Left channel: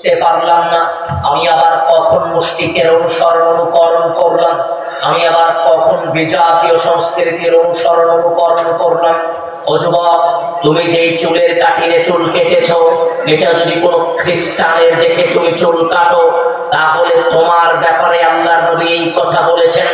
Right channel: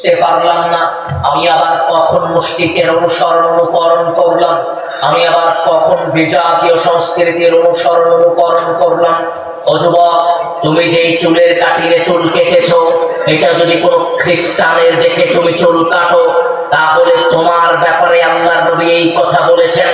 বুঝতে পারলাম না আমি আবার কখন মুশরিকের অনুসরণ অনুকরণ করলাম, আমি আবার কখন বিজাতীয় সংস্কৃতির অনুসরণ অনুকরণ করলাম। ও যুবক, তুমি যেই চুলের কাটিয়ে চুল কেটেছো, এটা যদি কোনো খ্রিস্টানের দেখে তুমি চুল কাটো, তাহলে তোমার ব্যাপারে আল্লাহর নবী এই কথা বলেছেন,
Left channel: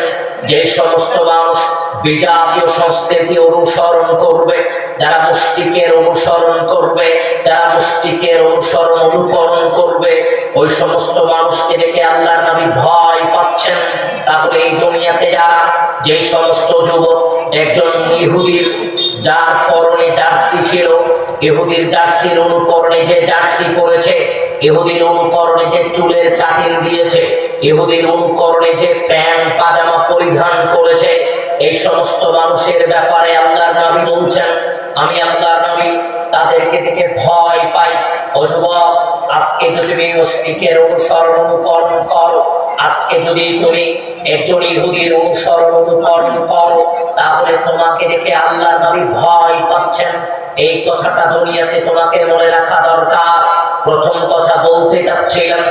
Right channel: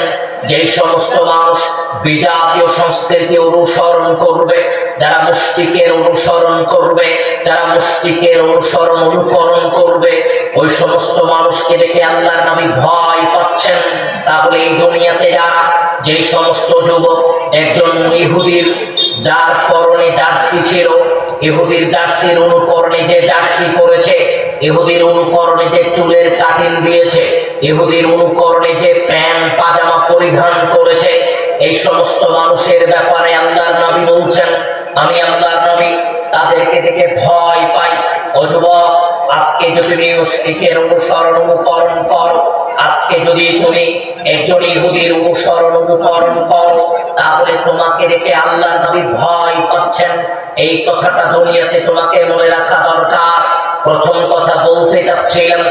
যে সমস্ত মানুষ বিজাতীয় সংস্কৃতি অনুসরণ করবে, যারা মুশরিকের অনুসরণ করবে, যারা মুশরিকের অনুসরণ অনুকরণ করবে, ওই সমস্ত মানুষকে দেখে আল্লাহর নবী ভয় পাচ্ছেন। তাহলে এই দুনিয়াতে যারা, যে সমস্ত যুবক একজন ইহুদির যার পরনে জার্সি ছিল, ইহুদির জার্সির অনুকরণে যে জার্সি পরেছে, ইহুদির অনুকরণে যে চুলের কাটিং দিয়েছে, ইহুদির অনুকরণে যে প্যান্ট পাজামা পরিধান করেছে, এই সমস্ত মানুষের ব্যাপারে আল্লাহর নবী বলছেন, আমি আল্লাহর নবী তাদেরকে দেখে ভয় পাই। ও যুবক, আজকে যদি তুমি মুশরিকের অনুসরণ অনুকরণ করো, আজকে যদি তুমি একজন ইহুদির অনুসরণ অনুকরণ করো, তাহলে তোমাকে দেখে আল্লাহর নবী ভয় পাচ্ছেন। এই কথাটা দুনিয়াতে তোমাকে মনে রাখা দরকার। প্রথম কথা বলতে চাচ্ছিলাম,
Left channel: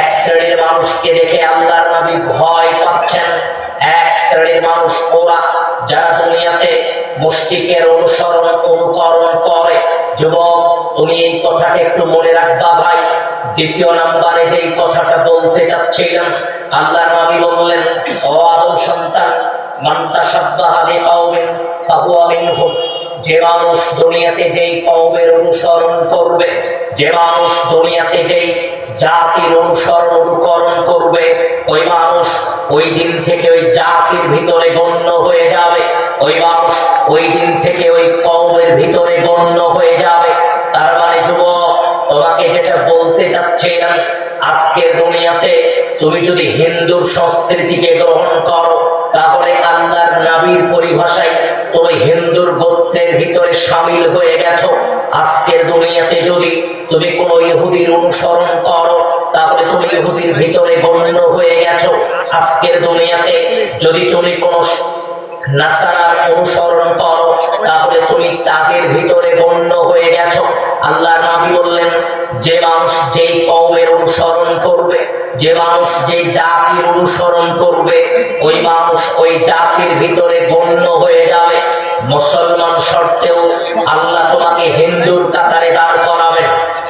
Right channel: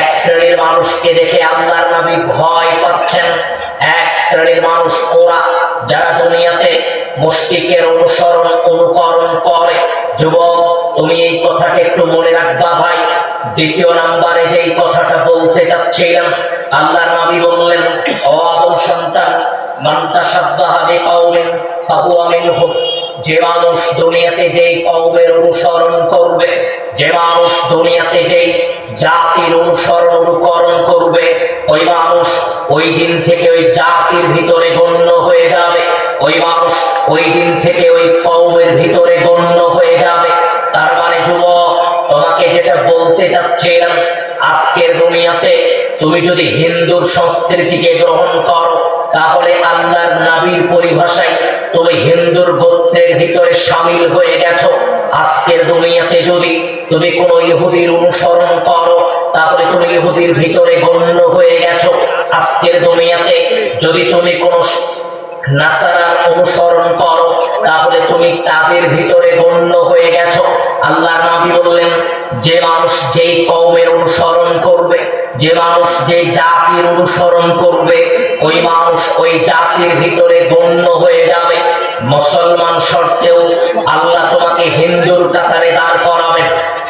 এক শ্রেণীর মানুষকে দেখে আল্লাহর নবী ভয় পাচ্ছেন। এক শ্রেণীর মানুষ ওরা, যারা দুনিয়াতে মুশরিকের অনুসরণ অনুকরণ করে। যুবক, তুমি এই কথাটা একটু মনে রাখবা ভাই। দ্বিতীয় নম্বরে যেই কথাটা বলতে চাচ্ছিলাম, আল্লাহর নবী বললেন, ও আদম সন্তান, মান তাশাব্বাহা বিকাওমিন ফাহুয়া মিনহুম। যে মানুষ দুনিয়াতে যেই কওমের অনুসরণ করবে, যে মানুষ দুনিয়াতে যেই জাতির অনুসরণ অনুকরণ করবে, ওই মানুষ ওই দিন থেকে ওই জাতির ভিতরে গণ্য হয়ে যাবে। ওই মানুষ ওই দিন থেকে ওই কওমের ভিতরে গণ্য হয়ে যাবে। তার মানে যুবক, তোমাকে যেটা বলতে চাচ্ছিলাম, আজকের দুনিয়াতে তুমি যদি হিন্দুর সংস্কৃতিকে গ্রহণ করো, তাহলে আল্লাহর নবীর পরিভাষায় তুমি হিন্দুর গোত্রের ভিতরে শামিল হয়ে গেছো। আজকের দুনিয়াতে যদি তুমি কোন ইহুদির অনুসরণ করো, তাহলে তুমি ইহুদির ভিতরে গণ্য হয়ে গেছো। আজকের দুনিয়াতে যদি তুমি কোন নাসারার অনুসরণ করো, তাহলে তুমি তাদের ভিতরে গণ্য হয়ে গেছো। আল্লাহর নবী বললেন, যে মানুষ যেই কওমের অনুসরণ করবে, যে মানুষ যে জাতির অনুসরণ করবে, ওই মানুষ ওই জাতির ভিতরে গণ্য হয়ে যাবে। মুসলমান শর্তেও আল্লাহ তোমাকে হিন্দুর কাতারে দাঁড় করাবেন,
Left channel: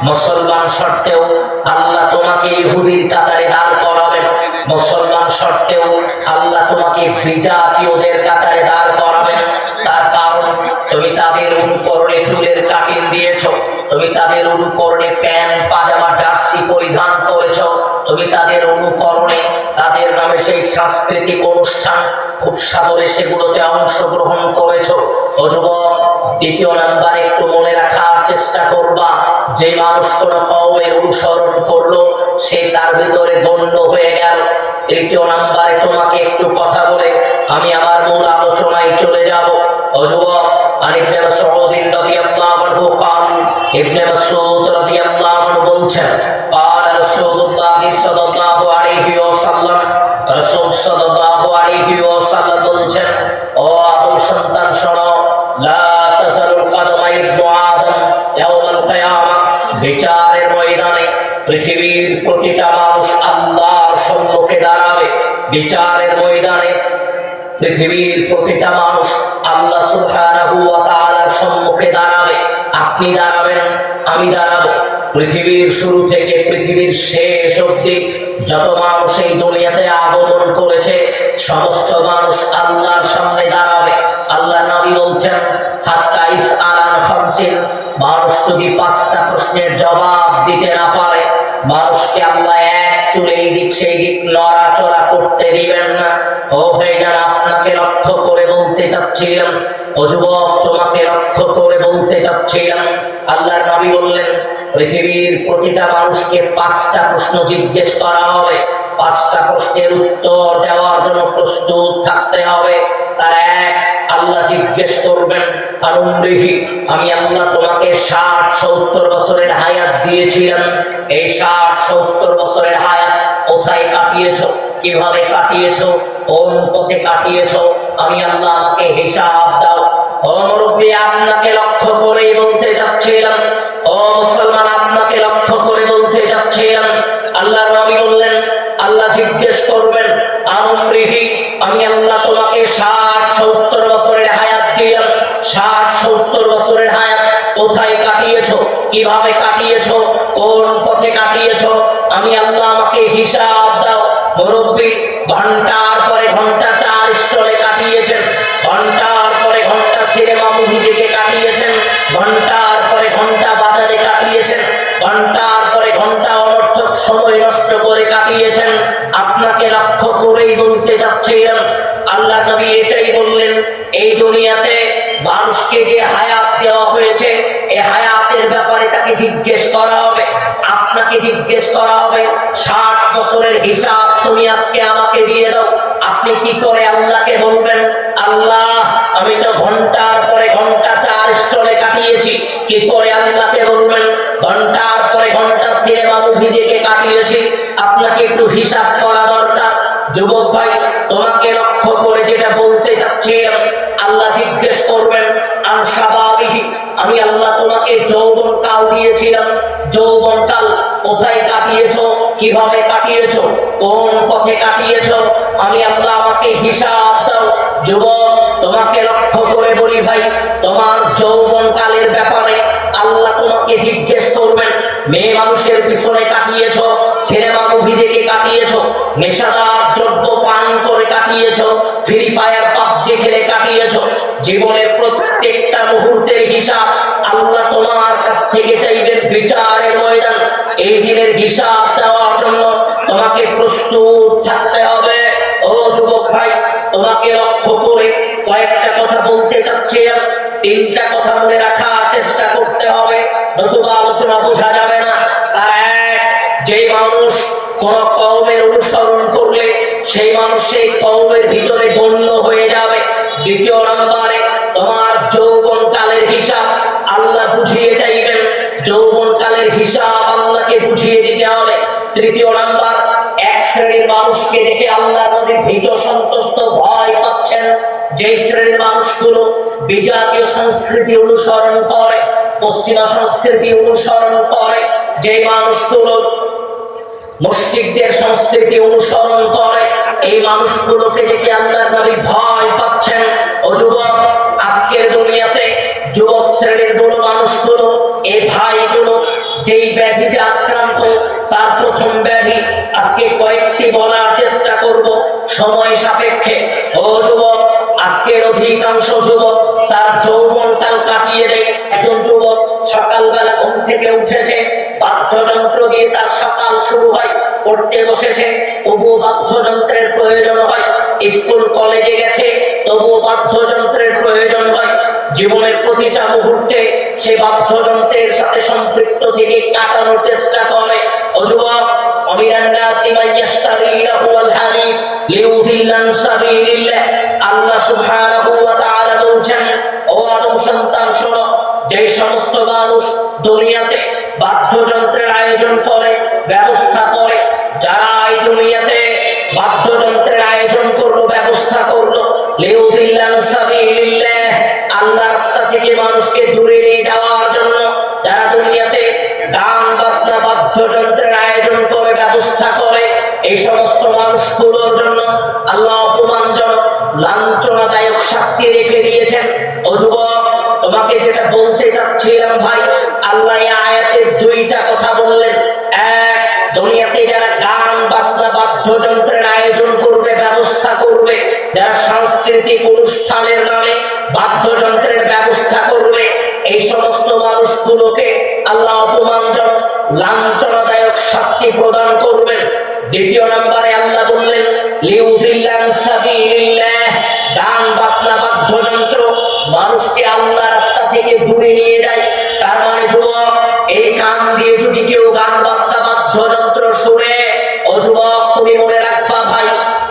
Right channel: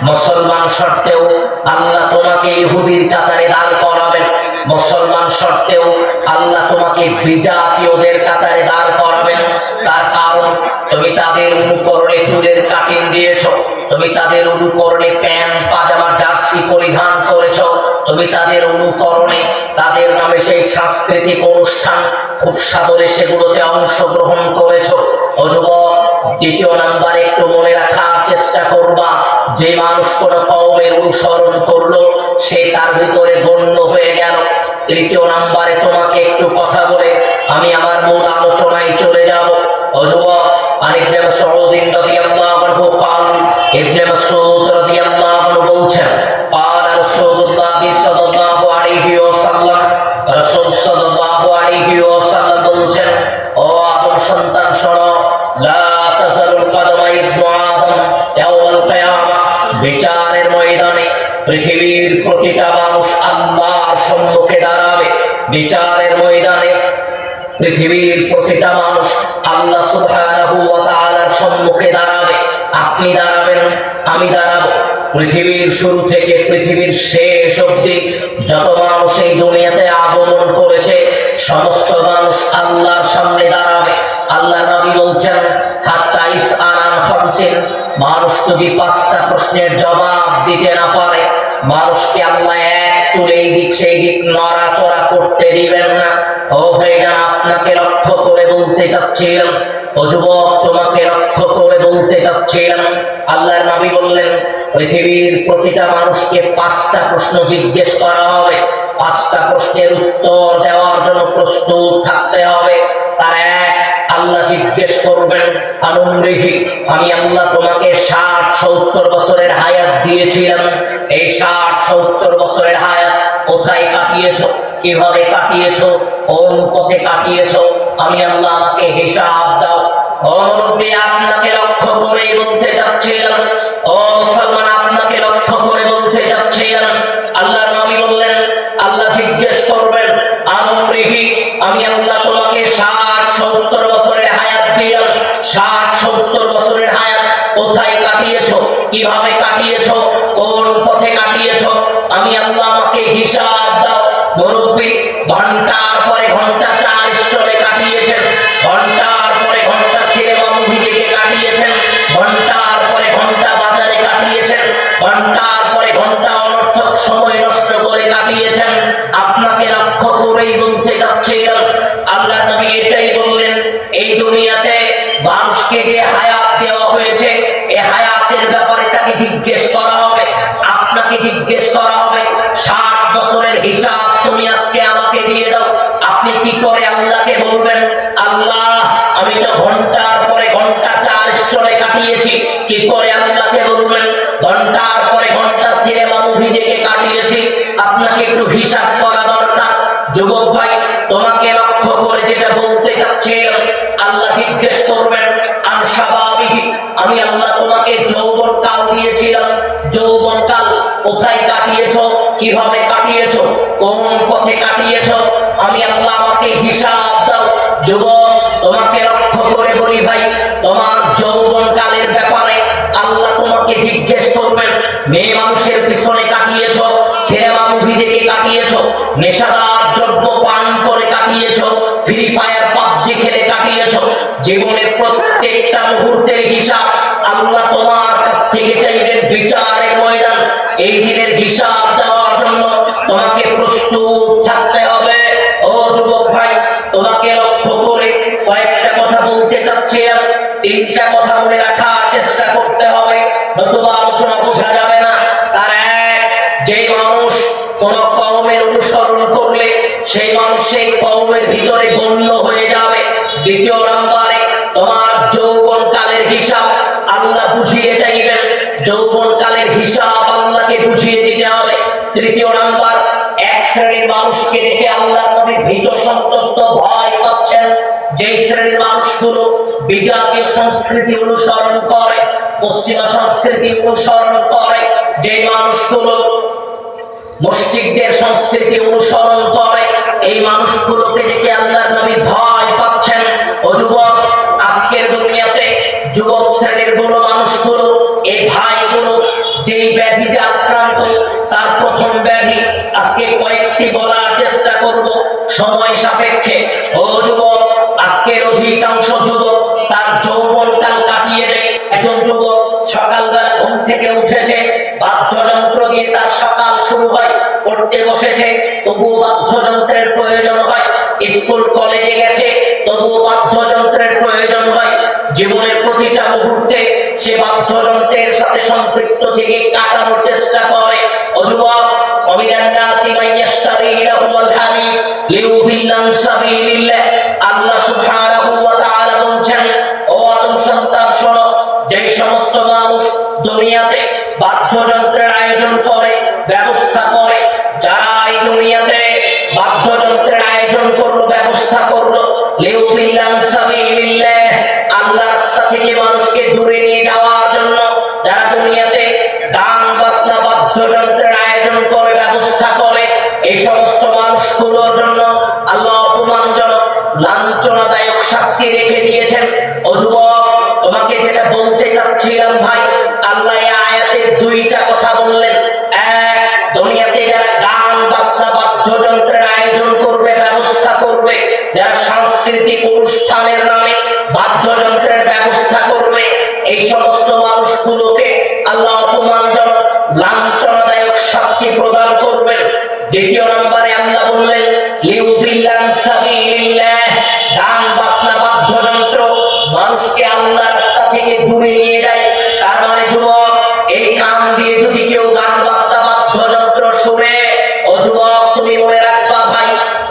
মুসলমান শর্তেও আল্লাহ তোমাকে ইহুদির কাতারে দাঁড় করাবেন, মুসলমান শর্তেও আল্লাহ তোমাকে বিজাতীয়দের কাতারে দাঁড় করাবেন। তার কারণ, তুমি তাদের অনুকরণে চুলের কাটিং দিয়েছো, তুমি তাদের অনুকরণে প্যান্ট পাজামা জার্সি পরিধান করেছো, তুমি তাদের অনুকরণে তাদের নামে সেই সাংস্কৃতিক অনুষ্ঠান খুব সাদরে সেগুলোতে অংশগ্রহণ করেছো। ও যুবক, দ্বিতীয় নাম্বার একটু মনে রাখার চেষ্টা করবা, যে মানুষ কোন কওমের অনুসরণ করলো, সে তার ভিতরে গণ্য হয়ে গেল। তৃতীয় নাম্বারে তোমাকে একটু কথা বলে আমি আমার মূল আলোচনায় চলে যাব। ও যুবক, ইবনে মাসউদ রাদিয়াল্লাহু আনহু قال, ইবনে মাসউদ রাদিয়াল্লাহু আনহু বলছেন, قال রাসূলুল্লাহ সাল্লাল্লাহু আলাইহি ওয়াসাল্লাম, রাসূল সাল্লাল্লাহু আলাইহি ওয়াসাল্লাম বলছেন, ও আদম সন্তান শোনো, লা তাযালুল কদমা ইবনু আদম ইয়াওমাল কিয়ামা। বিচারের ময়দানে পৃথিবীর প্রতিটা মানুষ আল্লাহর সম্মুখে দাঁড়াবে। বিচারের ময়দানে পৃথিবীর প্রতিটা মানুষ আল্লাহ সুবহানাহু ওয়া তাআলার সম্মুখে দাঁড়াবে। আপনি দাঁড়াবেন, আমি দাঁড়াবো। পৃথিবীর শুরু থেকে পৃথিবীর শেষ অবধি যত মানুষ এই দুনিয়াতে আগমন করেছে, সমস্ত মানুষ আল্লাহর সামনে দাঁড়াবে। আল্লাহ নবী বলছেন, হাত্তা ইসআলান খামসিন। মানুষ যদি 5টা প্রশ্নের জবাব দিতে না পারে, মানুষকে আল্লাহ এক চুলে এই দিক সেই দিক নড়াচড়া করতে দিবেন না। ও ভাইজান, আপনাকে লক্ষ্য করে বলতে চাচ্ছিলাম, ও যুবক, তোমাকে লক্ষ্য করে বলতে চাচ্ছিলাম, আল্লাহর নবী বললেন, পৃথিবীর প্রতিটা মানুষকে 5টা প্রশ্ন জিজ্ঞেস করা হবে। 5টা প্রশ্নের উত্তর দেওয়ার জন্য প্রস্তুত থাকতে হবে। তার এক, আল্লাহ জিজ্ঞেস করবেন, আনন্দিহি, আমি আল্লাহ তোমাকে 60-70 বছরের হায়াত দিয়েছিলাম, এই 60-70 বছরের হায়াত কোথায় কাটিয়েছো, কিভাবে কাটিয়েছো, কোন পথে কাটিয়েছো, আমি আল্লাহ আমাকে হিসাব দাও। ও মুরব্বী, আপনাকে লক্ষ্য করে বলতে চাচ্ছিলাম, ও মুসলমান, আপনাকে লক্ষ্য করে বলতে চাচ্ছিলাম, যাচ্ছিলাম। আল্লাহর নবী বললেন, আল্লাহ জিজ্ঞেস করবেন আমরিহি, আমি আল্লাহ তোমাকে 60-70 বছরের হায়াত দিলাম। 60-70 বছরের হায়াত কোথায় কাটিয়েছো, কিভাবে কাটিয়েছো, কোন পথে কাটিয়েছো? আমি আল্লাহ, আমাকে হিসাব দাও। মুরব্বী ঘন্টার পরে ঘন্টা চা স্টলে কাটিয়েছেন, ঘন্টার পরে ঘন্টা সিনেমা মুভি দেখে কাটিয়েছেন, ঘন্টার পরে ঘন্টা বাজারে কাটিয়েছেন, ঘন্টার পরে ঘন্টা অনর্থক সময় নষ্ট করে কাটিয়েছেন। আপনাকে লক্ষ্য করেই বলতে যাচ্ছিলাম, আল্লাহ নবী এটাই বললেন, এই দুনিয়াতে মানুষকে যে হায়াত দেওয়া হয়েছে, এই হায়াতের ব্যাপারে তাকে জিজ্ঞেস করা হবে, আপনাকে জিজ্ঞেস করা হবে। 60 বছরের হিসাব তুমি আজকে আমাকে দিয়ে দাও। আপনি কি করে আল্লাহকে বলবেন, আল্লাহ আমি তো ঘন্টার পরে ঘন্টা চা স্টলে কাটিয়েছি? কি করে আল্লাহকে বলবেন? ঘন্টার পরে ঘন্টা সিনেমা মুভি দেখে কাটিয়েছি। আপনাকে একটু হিসাব করা দরকার। যুবক ভাই, তোমাকে লক্ষ্য করে যেটা বলতে চাচ্ছিলাম, আল্লাহ জিজ্ঞেস করবেন আন শাবাবিহি, আমি আল্লাহ তোমাকে যৌবন কাল দিয়েছিলাম। যৌবন কাল কোথায় কাটিয়েছো, কিভাবে কাটিয়েছো, কোন পথে কাটিয়েছো? আমি আল্লাহ, আমাকে হিসাব দাও। যুবক, তোমাকে লক্ষ্য করে বলি ভাই, তোমার যৌবন কালের ব্যাপারে আল্লাহ তোমাকে জিজ্ঞেস করবেন। মেয়ে মানুষের পিছনে কাটিয়েছো, সিনেমা মুভি দেখে কাটিয়েছো, নেশাদার দ্রব্য পান করে কাটিয়েছো, ফ্রি ফায়ার পাবজি খেলে কাটিয়েছো। জীবনের প্রত্যেকটা মুহূর্তের হিসাব আল্লাহ তোমার কাছ থেকে চাইবেন বিচারের ময়দান। এই দিনের হিসাব দেওয়ার জন্য তোমাকে প্রস্তুত থাকতে হবে। ও যুবক ভাই, তোমাকে লক্ষ্য করে কয়েকটা কথা বলতে চাচ্ছি। 3টা কথা মনে রাখার চেষ্টা করতে হবে, নতুবা আলোচনা বোঝা যাবে না। তার এক, যে মানুষ কোন কওমের অনুসরণ করলে সেই মানুষ সেই কওমের ভিতরে গণ্য হয়ে যাবে। 2য় নম্বরে, তোমার যৌবন কালের হিসাব আল্লাহ বুঝিয়ে চাইবেন। যৌবন কালের হিসাব আল্লাহকে বুঝিয়ে দিতে হবে। 3য় নাম্বার, এক শ্রেণীর মানুষকে দেখে আল্লাহ নবী ভীত সন্ত্রস্ত ভয় পাচ্ছেন। যে শ্রেণীর মানুষগুলো বিজাতীয় সংস্কৃতি অনুসরণ করে, পশ্চিমা সংস্কৃতি অনুসরণ করে, যে মানুষগুলো মুশরিকদের সংস্কৃতি অনুসরণ করে, এই মানুষগুলোকে দেখে আল্লাহ নবী ভয় পাচ্ছেন। ও যুবক, আজকের দুনিয়াতে যুবক শ্রেণীর বড় মানুষগুলো, এই ভাইগুলো যেই ব্যাধিতে আক্রান্ত, তার প্রথম ব্যাধি আজকে কয়েকটি বলার চেষ্টা করব সময় সাপেক্ষে। ও যুবক, আজকের অধিকাংশ যুবক তার যৌবনকাল কাটিয়ে দেয়। একজন যুবক সকালবেলা ঘুম থেকে উঠেছে, বাদ্যযন্ত্র দিয়ে তার সকাল শুরু হয়, পড়তে বসেছে, তবুও বাদ্যযন্ত্রের প্রয়োজন হয়। স্কুল কলেজে গেছে, তবুও বাদ্যযন্ত্রের প্রয়োজন হয়। জীবনের প্রতিটা মুহূর্তে সে বাদ্যযন্ত্রের সাথে সম্পৃক্ত থেকে কাটানোর চেষ্টা করে। ও যুবক, আল্লাহ সুবহানাহু ওয়া তাআলা বলছেন, ও আদম সন্তান শোনো, যে সমস্ত মানুষ দুনিয়াতে বাদ্যযন্ত্রের আয়োজন করে, ব্যবস্থা করে, যারা এই দুনিয়াতে বাদ্যযন্ত্রের আয়োজন করলো, ব্যবস্থা করলো, লিউদিল্লান সাবিলিল্লাহ, আল্লাহর রাস্তা থেকে মানুষকে দূরে নিয়ে যাওয়ার জন্য, যারা দুনিয়াতে গান বাজনা বাদ্যযন্ত্রের আয়োজন করে, ব্যবস্থা করে, এই সমস্ত মানুষগুলোর জন্য আল্লাহ অপমানজনক লাঞ্ছনাদায়ক শাস্তি রেখে দিয়েছেন। ও যুবক, তোমাকে যেটা বলতে চাচ্ছিলাম ভাই, আল্লাহ এই আয়াতে 2টা কথা বললেন। এক, দুনিয়াতে যারা গান বাজনা বাদ্যযন্ত্রের আয়োজন করবে, ব্যবস্থা করবে, যারা সাংস্কৃতিক অনুষ্ঠানের নামে বাদ্যযন্ত্রের ব্যবস্থা করবে, এই সমস্ত মানুষগুলোকে আল্লাহ অপমানজনক লাঞ্ছনাদায়ক শাস্তি প্রদান করবেন। 2য় নম্বরে আল্লাহ বললেন, লিউদিল্লান সাবিলিল্লাহ, গান বাজনা বাদ্যযন্ত্র মানুষকে আল্লাহর রাস্তা থেকে দূরে নিয়ে যায়। তার মানে যুবক, এই কান দিয়ে যদি কেউ গান বাজনা বাদ্যযন্ত্র শুনে, ও যুবক তুমি মনে রাখবা ভাই,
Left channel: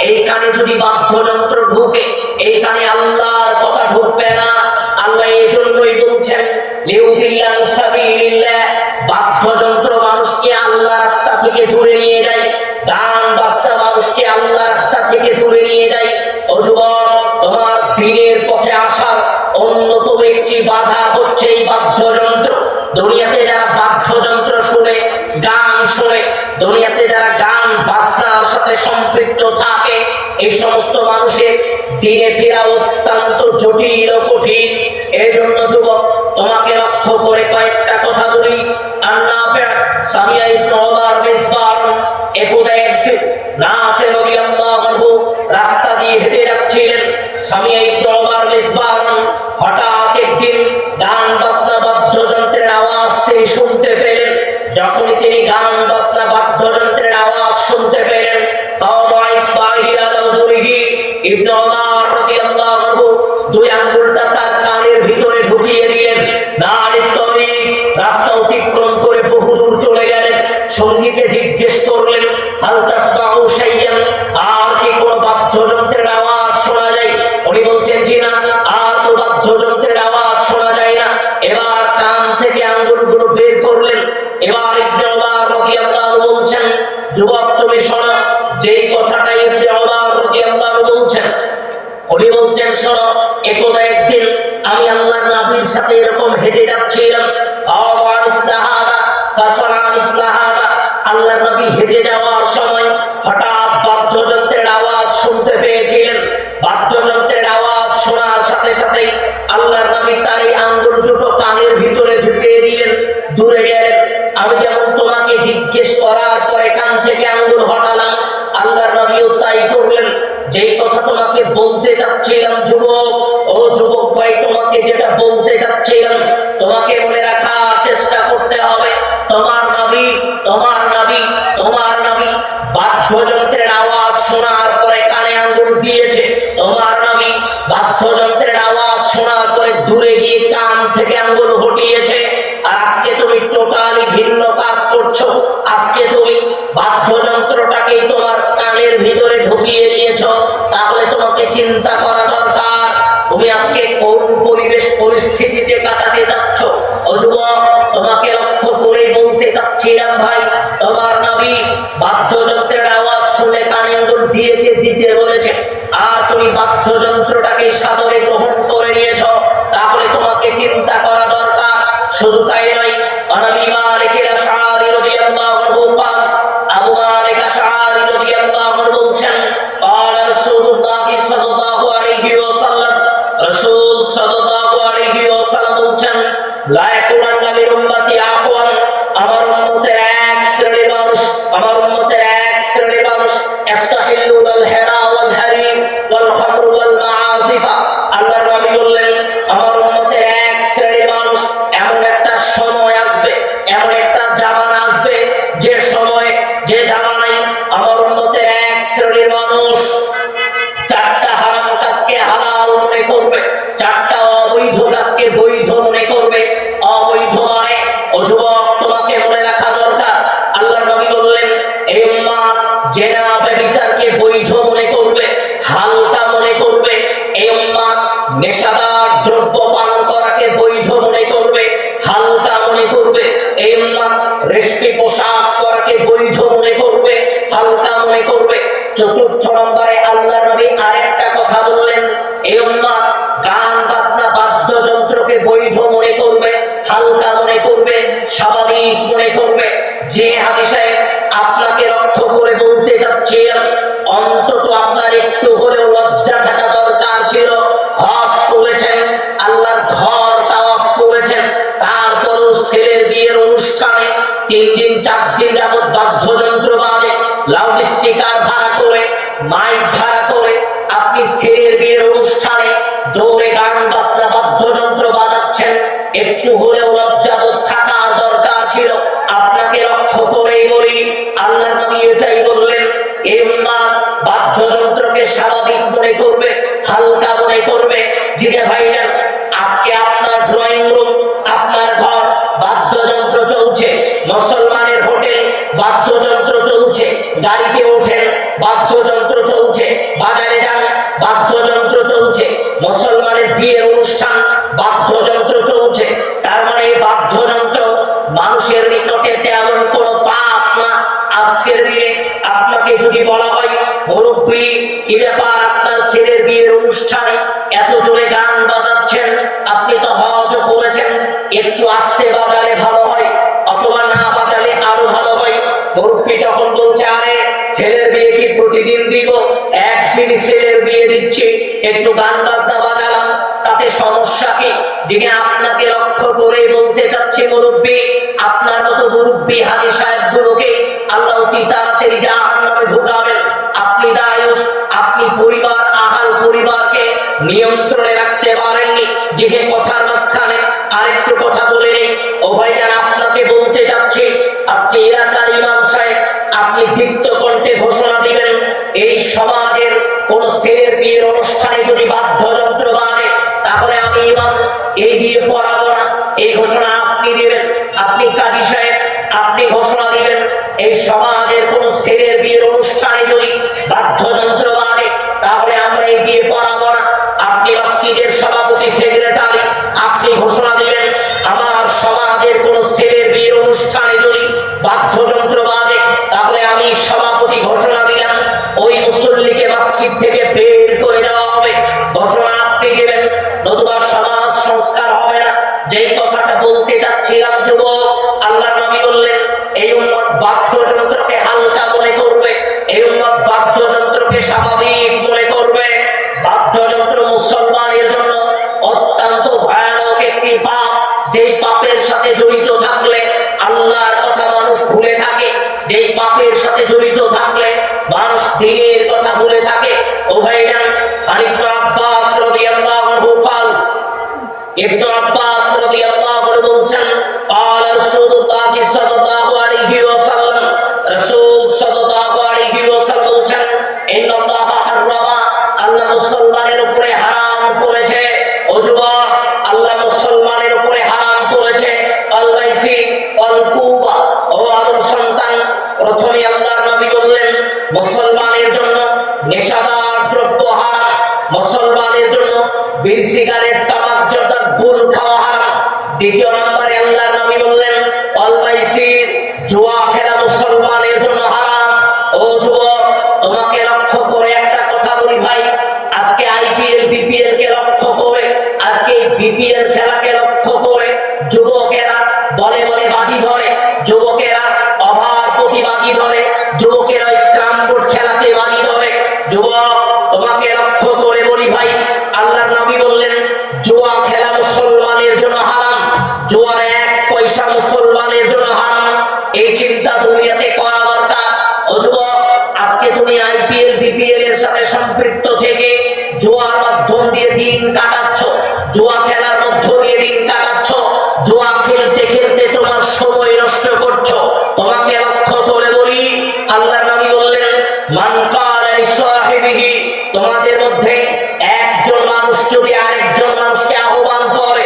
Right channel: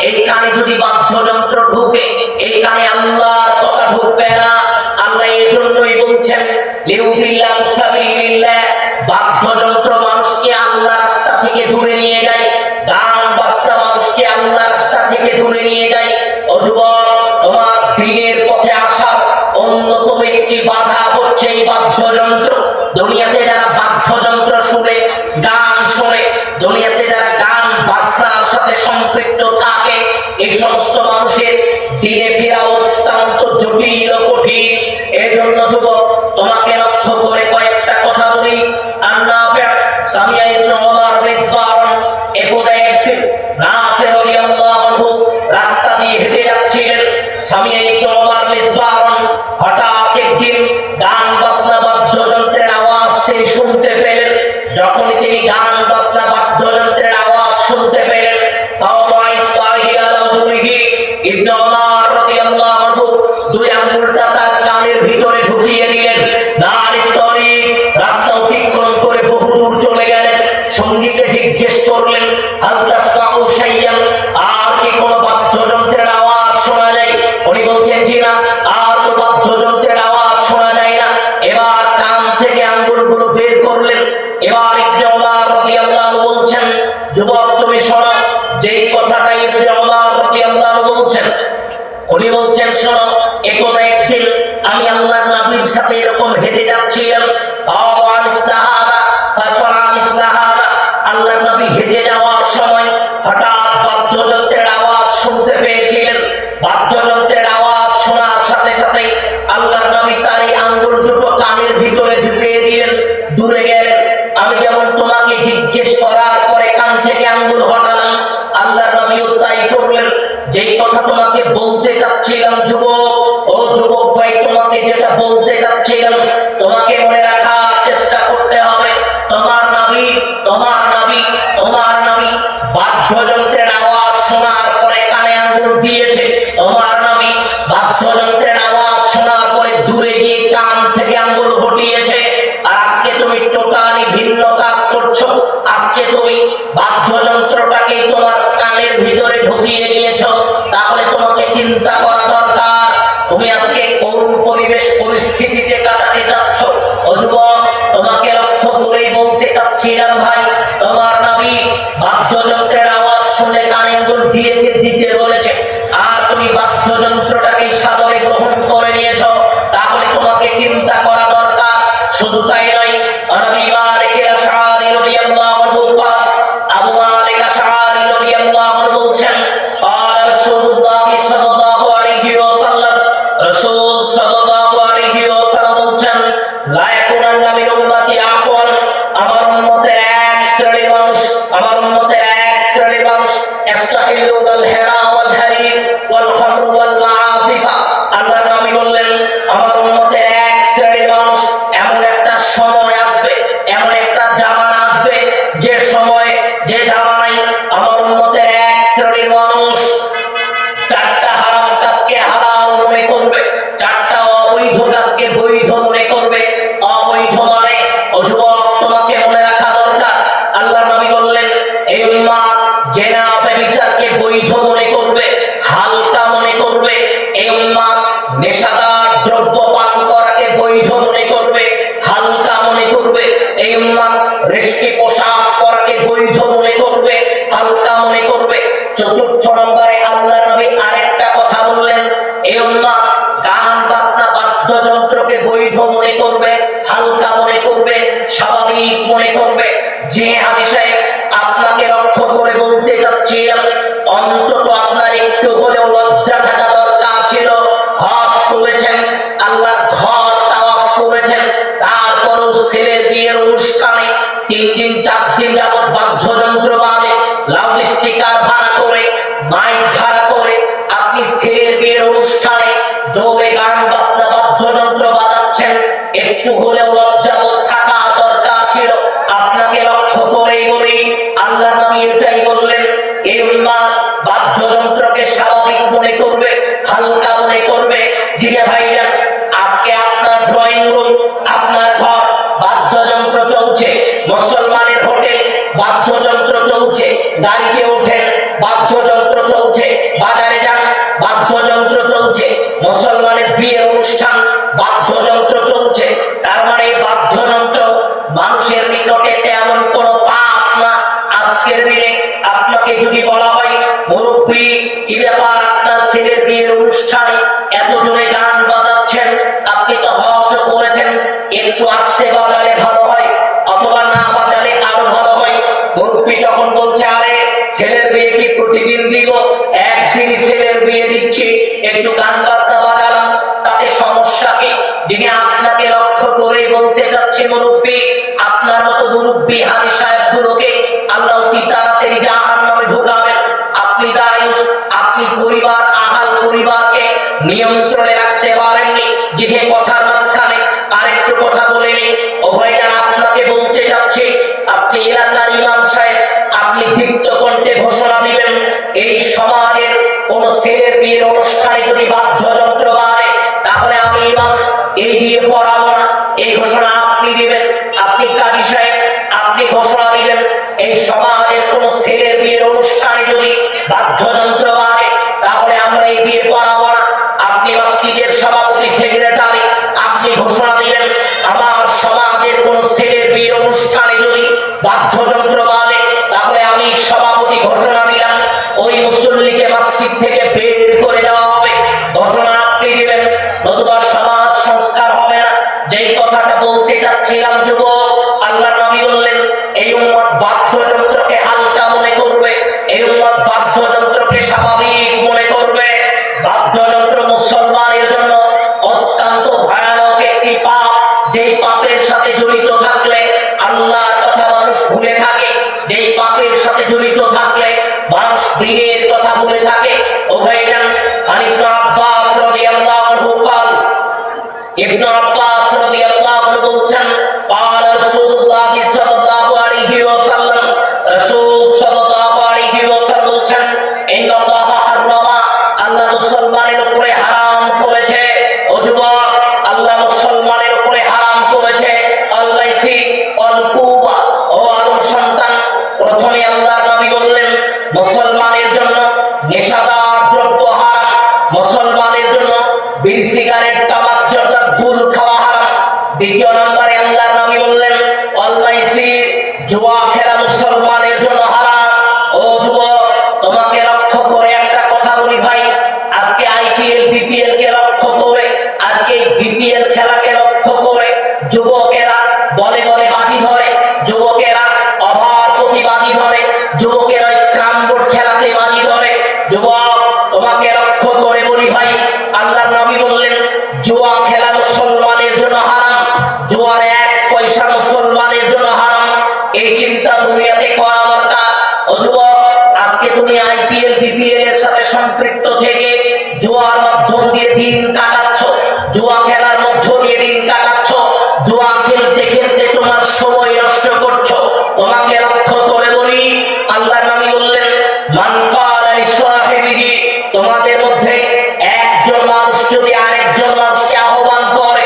এই কানে যদি বাদ্যযন্ত্র ঢুকে, এই কানে আল্লাহর কথা ঢুকবে না। আল্লাহ এই জন্যই বলছেন, লিউদিল্লান সাবিলিল্লাহ, বাদ্যযন্ত্র মানুষকে আল্লাহর রাস্তা থেকে দূরে নিয়ে যায়, গান বাজনা মানুষকে আল্লাহর রাস্তা থেকে দূরে নিয়ে যায়। ও যুবক, তোমার দ্বীনের পথে আসার অন্যতম একটি বাধা হচ্ছে এই বাদ্যযন্ত্র। দুনিয়াতে যারা বাদ্যযন্ত্র শুনে, গান শুনে, দুনিয়াতে যারা গান বাজনার সাথে সম্পৃক্ত থাকে এই সমস্ত মানুষের দিনে ফেরা অত্যন্ত জটিল ও কঠিন। এজন্য যুবক তোমাকে লক্ষ্য করে কয়েকটা কথা বলি। আন-নাফি' সামিয়া ইবনে ওমর মিসবার একদা একদিন নাফি রাদিয়াল্লাহু আনহু রাস্তা দিয়ে হেঁটে যাচ্ছিলেন। সামিয়া ইবনে ওমর মিসবার হঠাৎ একদিন গান বাজনা বাদ্যযন্ত্রের আওয়াজ তিনি শুনতে পেলেন। যখন তিনি গান বাজনা বাদ্যযন্ত্রের আওয়াজ শুনতে পেলেন, ইবনে ওমর রাদিয়াল্লাহু আনহু দুই আঙ্গুলটা তার কানের ভিতরে ঢুকিয়ে দিলেন। নারীর তরি রাস্তা অতিক্রম করে বহু দূর চলে গেলেন। সঙ্গীকে জিজ্ঞেস করলেন, হাল তাসমাউ শাইয়ান, আর কি কোনো বাদ্যযন্ত্রের আওয়াজ শোনা যায়? উনি বলছেন, জি না, আর তো বাদ্যযন্ত্রের আওয়াজ শোনা যায় না। এবার কান থেকে আঙ্গুলগুলো বের করলেন। এবার ইবনে ওমর রাদিয়াল্লাহু আনহু বলছেন, যুবক তুমি শোনো, যেই কথাটা ইবনে ওমর রাদিয়াল্লাহু আনহু বলছেন, উনি বলছেন, শোনো, একদা একদিন আমি আল্লাহর নবীর সাথে এরকম হেঁটে যাচ্ছিলাম। আল্লাহর নবী হেঁটে যাওয়ার সময় হঠাৎ বাদ্যযন্ত্রের আওয়াজ শুনতে পেয়েছিলেন। বাদ্যযন্ত্রের আওয়াজ শোনার সাথে সাথে আল্লাহর নবী তার এই আঙ্গুল দুটো কানের ভিতরে ঢুকিয়ে দিলেন, দূরে গেলেন। আমি যেমন তোমাকে জিজ্ঞেস করার পরে কান থেকে আঙ্গুল হটালাম, আল্লাহর নবীও তাই করলেন। যেই কথা তোমাকে বলতে চাচ্ছিলাম যুবক, ও যুবক ভাই, তোমাকে যেটা বলতে চাচ্ছিলাম, তোমাকে মনে রাখার চেষ্টা করতে হবে। তোমার নবী বাদ্যযন্ত্রের আওয়াজ শোনার পরে কানে আঙ্গুল দিয়েছে। তোমার নবী বাদ্যযন্ত্রের আওয়াজ শোনার পরে দূরে গিয়ে কান থেকে আঙ্গুল হটিয়েছে। আর আজকে তুমি টোটালি ভিন্ন কাজ করছো। আজকে তুমি বাদ্যযন্ত্রটাকেই তোমার কানের ভিতরে ঢুকিয়ে নিয়েছো। তাহলে তোমাকে চিন্তা করা দরকার, তুমি আজকে কোন পরিবেশ পরিস্থিতিতে কাটাতে চাচ্ছ। ও যুবক, তোমাকে লক্ষ্য করেই বলতে চাচ্ছিলাম ভাই, তোমার নবী বাদ্যযন্ত্রের আওয়াজ শুনে কানে আঙ্গুল দিয়েছে, দিতে বলেছে, আর তুমি বাদ্যযন্ত্রটাকে সাদরে গ্রহণ করে নিয়েছো। তাহলে তোমাকে চিন্তা করা দরকার। শুধু তাই নয়, আবু মালিক আশআরী রাদিয়াল্লাহু আনহু আবু মালিক আশআরী রাদিয়াল্লাহু আনহু বলছেন, قال رسول الله صلى الله عليه وسلم, রাসূল সাল্লাল্লাহু আলাইহি ওয়াসাল্লাম বলছেন, লা ইয়াকুনান্না মিন উম্মতি আকওয়াম, আমার উম্মতের এক শ্রেণীর মানুষ, আমার উম্মতের এক শ্রেণীর মানুষ, ইস্তাহিল্লুল হিরা ওয়াল হারিম ওয়াল খামর ওয়াল মাআসিফা। আল্লাহর নবী বললেন, আমার উম্মতের এক শ্রেণীর মানুষ, এমন একটা সময় আসবে, এমন একটা জামানা আসবে, যে সময়ে, যে জামানায় আমার উম্মতের এক শ্রেণীর মানুষ চারটা হারাম কাজকে হালাল মনে করবে, চারটা অবৈধ কাজকে বৈধ মনে করবে। অবৈধ মানে, ও যুবক, তোমাকে মনে রাখা দরকার, আল্লাহর নবী বললেন, এই উম্মাত জেনা ব্যভিচারকে বৈধ মনে করবে, হালকা মনে করবে। এই উম্মাত নেশাদার দ্রব্য পান করাকে বৈধ মনে করবে, হালকা মনে করবে। এই উম্মাত রেশমি পোশাক পরাকে বৈধ মনে করবে, হালকা মনে করবে। চতুর্থ নম্বরে আল্লাহর নবী আরেকটা কথা বললেন, এই উম্মাত গান বাজনা বাদ্যযন্ত্রকে বৈধ মনে করবে, হালকা মনে করবে, স্বাভাবিক মনে করবে। যে হাদিসে আপনাকে লক্ষ্য করে বলতে যাচ্ছিলাম, অন্তত আপনার একটু হলেও লজ্জা থাকা দরকার ছিল। হজ করেছেন, আল্লাহর ঘর তাওয়াফ করেছেন, তারপরও ছেলের বিয়ের অনুষ্ঠানে 3 দিন 4 দিন যাবত বাদ্যযন্ত্র বাজে, লাউড স্পিকার ভাড়া করে, মাইক ভাড়া করে আপনি ছেলের বিয়ের অনুষ্ঠানে জোরে গান বাজনা বাদ্যযন্ত্র বাজাচ্ছেন। একটু হলেও লজ্জাবোধ থাকা দরকার ছিল। আপনাকে লক্ষ্য করেই বলি, আল্লাহর নবী এটাই বললেন, এই উম্মাত বাদ্যযন্ত্রকে স্বাভাবিক মনে করবে, হালকা মনে করবে। জিরে ভাইজান, আজকে আপনার ড্রয়িং রুম, আপনার ঘর বাদ্যযন্ত্র চলছে, মুসলমানের হোটেল বাদ্যযন্ত্র চলছে, গাড়িতে ওঠেন বাদ্যযন্ত্র চলছে, বাজারে যান বাদ্যযন্ত্র চলছে, মুসলমানের বিয়ের অনুষ্ঠান বাদ্যযন্ত্র চলছে। তার মানে এই বাদ্যযন্ত্র মানুষের নিকটে তেমন কোনো পাপ না। আজকের দিনে আপনাকে যদি বলা হয়, মুরব্বী, কি ব্যাপার, আপনার ছেলের বিয়ের অনুষ্ঠানে এত জোরে গান বাজাচ্ছেন, আপনি তো হজ করেছেন, একটু আস্তে বাজালে ভালো হয়, অথবা না বাজালে আরো ভালো হয়। মুরব্বী যখন বলছে আরে ছেলের বিয়ে কি প্রতিদিন দিব, একদিন ছেলের বিয়ে দিচ্ছি, একটু গান বাজনা বাজালাম, তাতে সমস্যা কি? যিনি আপনাকে লক্ষ্য করে বলতে চাচ্ছে মুরব্বী, আপনার মতো মুরব্বী হাজী সাহেব গুলোকে আল্লাহ কি তাড়াতাড়ি জাহান্নামে ঢুকাবেন। আপনি দায়ুস, আপনি পরিবার আহাল পরিবারকে নিয়ন্ত্রণে রাখতে পারেননি। যে কথার মাঝখানে আরেকটু কথা বলে নি, ও ভাইজান আপনাকে বলতে চাচ্ছি, আপনি এলাকার ইমাম সাহেব, আপনি দীপ্ত কণ্ঠে ঘোষণা দিবেন এই সমাজের কোন ছেলের বিয়ের অনুষ্ঠানে যদি বাদ্যযন্ত্র বাজে তাহলে আমি ইমাম এই বিয়ে পড়াবো না, এই ঘোষণা আপনি দিবেন। আপনি কাজী সাহেব, আপনি ঘোষণা দিবেন এই সমাজের কোন ছেলের বিয়ের অনুষ্ঠানে যদি বাদ্যযন্ত্র বাজে তাহলে আমরা এই বিয়ে পড়াবো না। আপনি মসজিদের সভাপতি সেক্রেটারি, আপনি ঘোষণা দিলেন আমার সমাজের কোন ছেলের বিয়ের অনুষ্ঠানে যদি বাদ্যযন্ত্র বাজে তাহলে আমি সভাপতি ঘোষণা দিলাম ওই মুসল্লিকে মসজিদ থেকে বের করে দেওয়া হবে। ঘোষণা আপনি দিলেন, নতুবা সমাজ সংস্কার হবে না। যেই কথাটা বলতে চাচ্ছিলাম যুবক, আল্লাহর নবী বললেন এই উম্মত বাদ্যযন্ত্রকে হালকা মনে করবে, এই উম্মত বাদ্যযন্ত্রকে স্বাভাবিক মনে করবে। বাদ্যযন্ত্র মুসলমানের জন্য অত্যন্ত ভয়ানক একটি পাপ, যেই পাপের সাথে জড়িত থাকলে আল্লাহর কথা মানুষ ভুলে থাকে, যেই পাপের সাথে জড়িত থাকলে মানুষ দ্বীনের কথা ভুলে থাকে। ও ভাইজান, ইবনে আব্বাস রাদিয়াল্লাহু আনহু قال, ইবনে আব্বাস রাদিয়াল্লাহু আনহু বলছেন قال রাসূলুল্লাহ সাল্লাল্লাহু আলাইহি ওয়াসাল্লাম, রাসূল সাল্লাল্লাহু আলাইহি ওয়াসাল্লাম বলছেন ইন্নাল্লাহ হারামা, আল্লাহ মুসলমানের উপরে হারাম করেছে। ও যুবক, আল্লাহ মুসলমানের উপরে হারাম করেছে আল-মাইসি ওয়াল-কুবা। ও আদম সন্তান, প্রথমে আল্লাহর নবী বললেন মুসলমানের জন্য নেশাদার দ্রব্য হারাম, মুসলমানের জন্য বিড়ি সিগারেট তামাক জর্দা দুল খাওয়া হারাম। দ্বিতীয় নম্বরে আল্লাহর নবী বললেন আল-মাইসি, জুয়া খেলা মুসলমানের জন্য হারাম। ও যুবক, তোমাকে লক্ষ্য করে একটা কথা বলি ভাই, আজকে আইপিএল বিপিএল কে লক্ষ্য করে, আজকে বিপিএল খেলাকে লক্ষ্য করে যুবকেরা বলে বলে বাজি ধরে, যুবকেরা অভাব প্রতিবাদী ধরে, যুবকেরা ওই ক্রাম বোর্ড খেলাতে বাজি ধরে। যুবক, তোমাকে লক্ষ্য করে বলি ভাই, আল্লাহর নবী বললেন জুয়া খেলা মুসলমানের জন্য হারাম, জুয়ার এক পয়সা মুসলমানের জন্য হারাম। এই চিন্তা দুনিয়াতে করা দরকার। ও যুবক, আজকে তুমি আইপিএল বিপিএল এর সাথে সম্পৃক্ত থেকে জুয়ার মাধ্যম দিয়ে দিন কাটাচ্ছ, জুয়া খেলার মধ্য দিয়ে দিন কাটাচ্ছ, জুয়া খেলতে খেলতে তোমার সময় নষ্ট করছো। তোমাকে লক্ষ্য করে বলি, আল্লাহর নবী বললেন মান ক্বালা লিসাহিবিহি, তোমাদের মধ্যে একজন মানুষ যদি আরেকজন মানুষকে আহ্বান করে,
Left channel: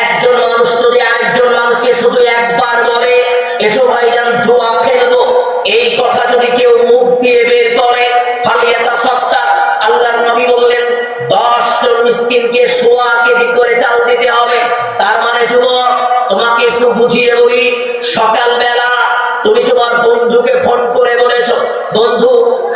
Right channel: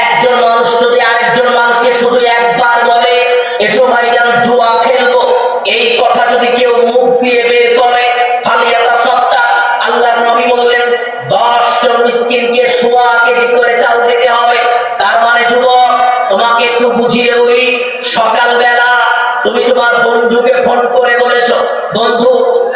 একজন মানুষ যদি আরেকজন মানুষকে শুধু একবার বলে এসো ভাইজান জুয়া খেলবো, এই কথা যদি কেউ মুখ দিয়ে বের করে ফালিয়াতাসাদ্দাক, আল্লাহর নবী বললেন 10 জন মিসকিনকে সোয়া কেজি করে চাল দিতে হবে। তার মানে যুবক, তোমাকে একটু বুঝিয়ে বলি, সকালবেলা তুমি তোমার বন্ধুকে ফোন করে বলেছো বন্ধু